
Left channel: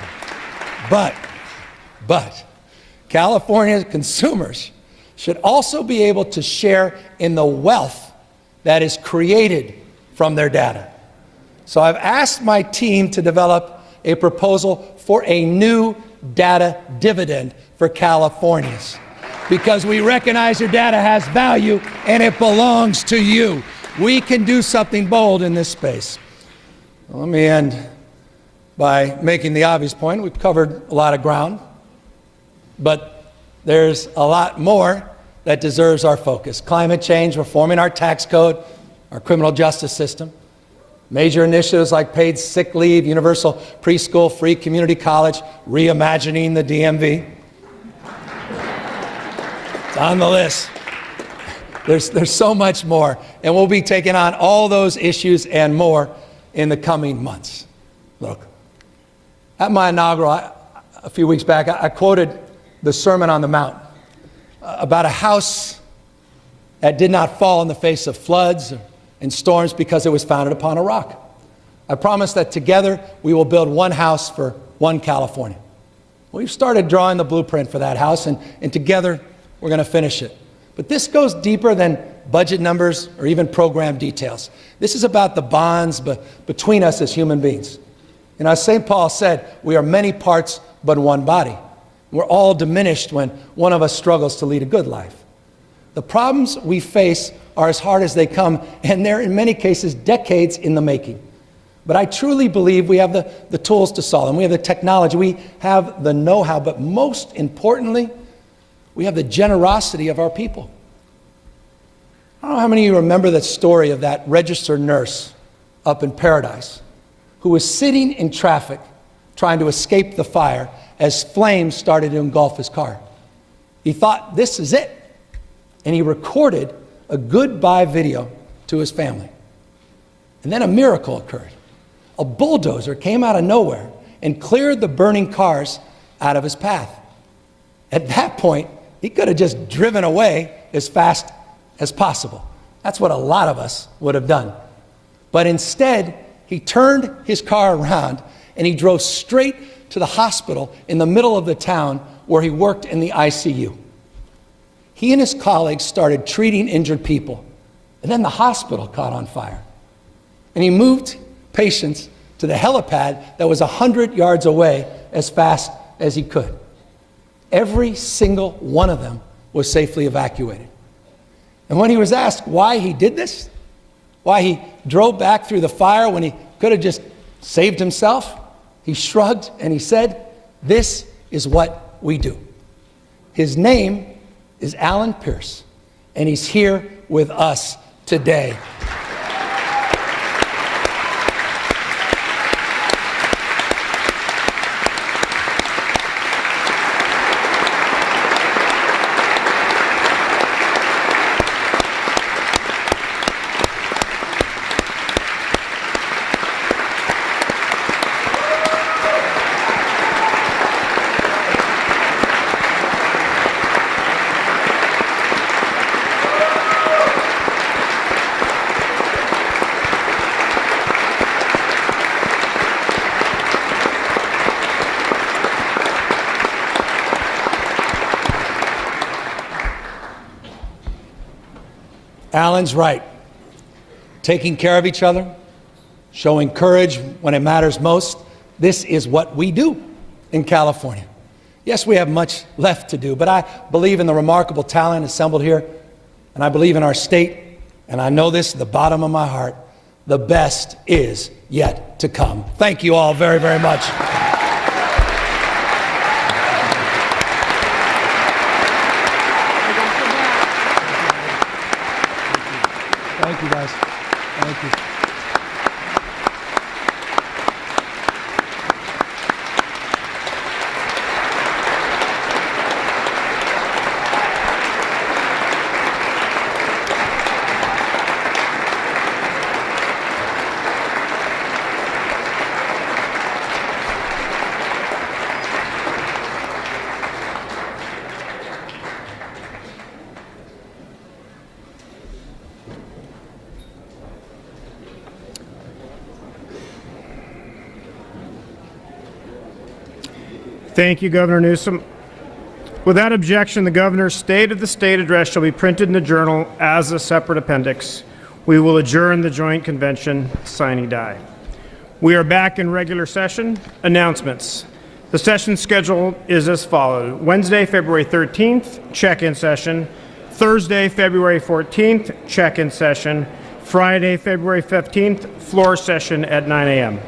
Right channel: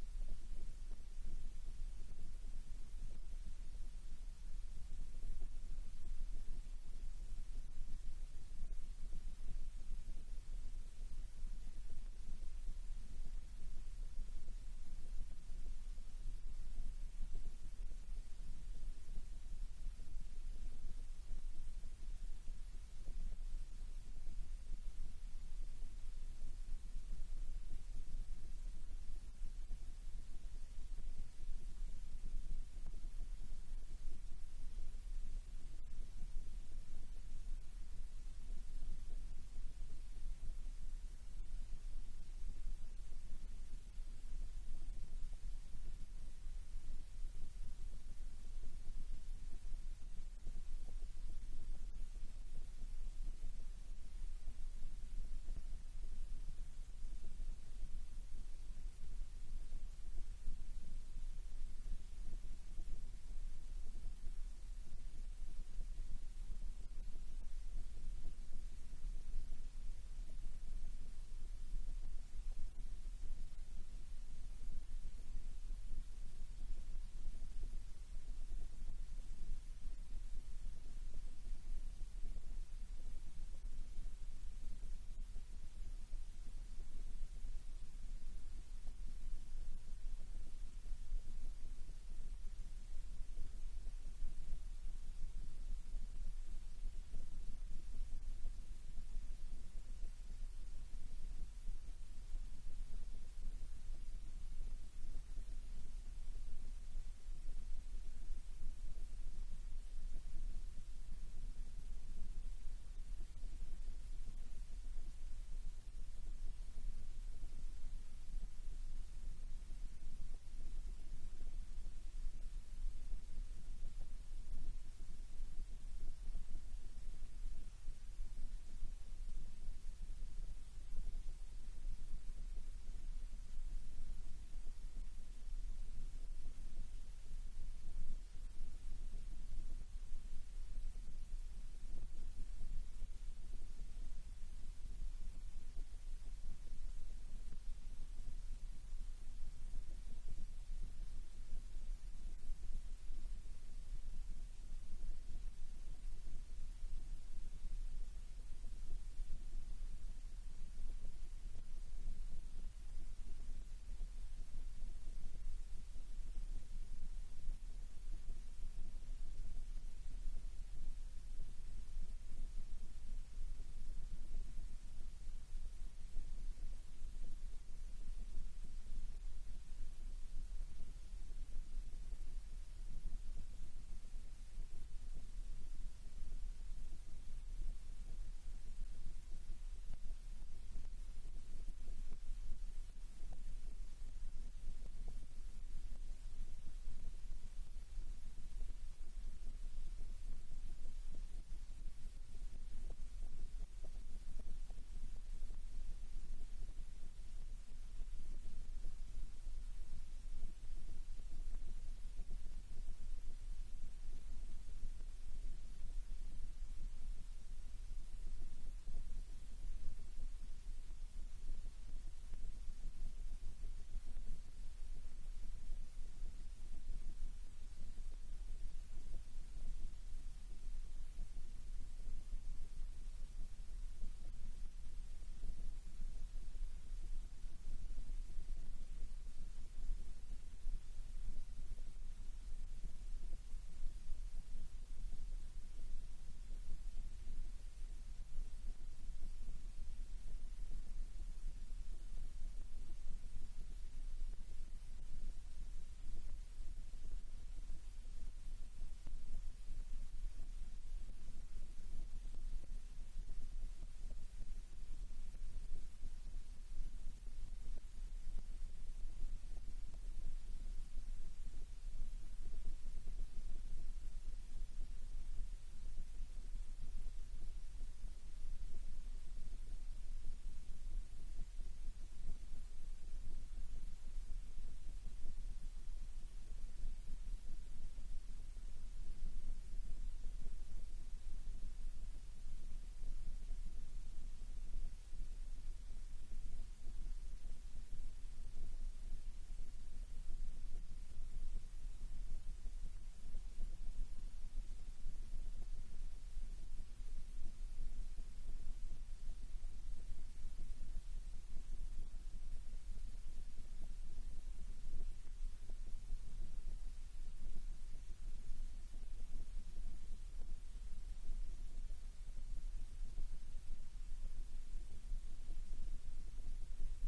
California consumers should also be able to share in the wealth that is created from their data. So I've asked my team to develop a proposal for a new data dividend for Californians, because we recognize your data has value and it belongs to you. We can do something bold in this space. Let me end by making the obvious point. We've covered a lot of ground, but there's a lot more that deserves our focus. Climate change, reforming our tax code, our criminal justice system, major initiatives like paid sick leave, universal preschool, free community college, reimagining the DMV. It's on the list. There's so much more, and we'll be taking on all those issues and more in the coming months. Look, at my inaugural, a few weeks back, I quoted the Sermon on the Mount about a house that did not fall in the face of floods and storms because it was founded upon a rock. I promise that together we will build one house for one California. We've started drawing the blueprint for that house, and together we're going to finish it. But this goes deeper than budget numbers or even program details. This is about the bonds between us as human beings. And as St. Paul said, we are many parts but one body. We're all diminished when one of us struggles to lead a good life. The problems we face are as hard as they come, and they're in many cases decades in the making. But I truly believe we have the tools to solve them. We have the technology, we have the know-how, but most importantly, we have the generosity of our people. I don't know how many of you remember that story of that registered nurse up in Paradise who was sitting in traffic trying to escape the fire as flames started to engulf his car. He thought, this is it. And he recorded a goodbye video to his family. And then a miracle occurred. A bulldozer came out of nowhere and cleared the burning cars out of his path. At that point, he could have just driven away as fast as possible. That's what a lot of us would have done. But instead, he turned his car around and he drove straight to the hospital in the middle of the town where he worked in the ICU. He and his colleagues started treating injured people, and then the hospital caught on fire. And he moved patients to the helipad that was 100 yards away as fast as he could. Every single one of them was safely evacuated. And when he was asked why he did this, why he drove back through the fire when he could have just saved himself, he shrugged and he said, "This is what we do." His name is Alan Pierce, and he's here with us today. Alan's right. Taking care of each other, showing courage when it matters most, this is what we do in California. Yes, we have much left to do, but I believe in the remarkable talent assembled here, and I believe in our state, and I know this at the bottom of my heart, the best is yet to come. Thank you all very, very much. Thank you, guys. Thank you. Thank you, Governor Newsom. Without objection, the governor's State of the State address shall be printed in the Journal as a separate appendix. We will adjourn the joint convention, sine die. We are back in regular session. Announcements. The session schedule is as follows. Wednesday, February 13th, check-in session. Thursday, February 14th, check-in session. Friday, February 15th, floor session at 9 a.m.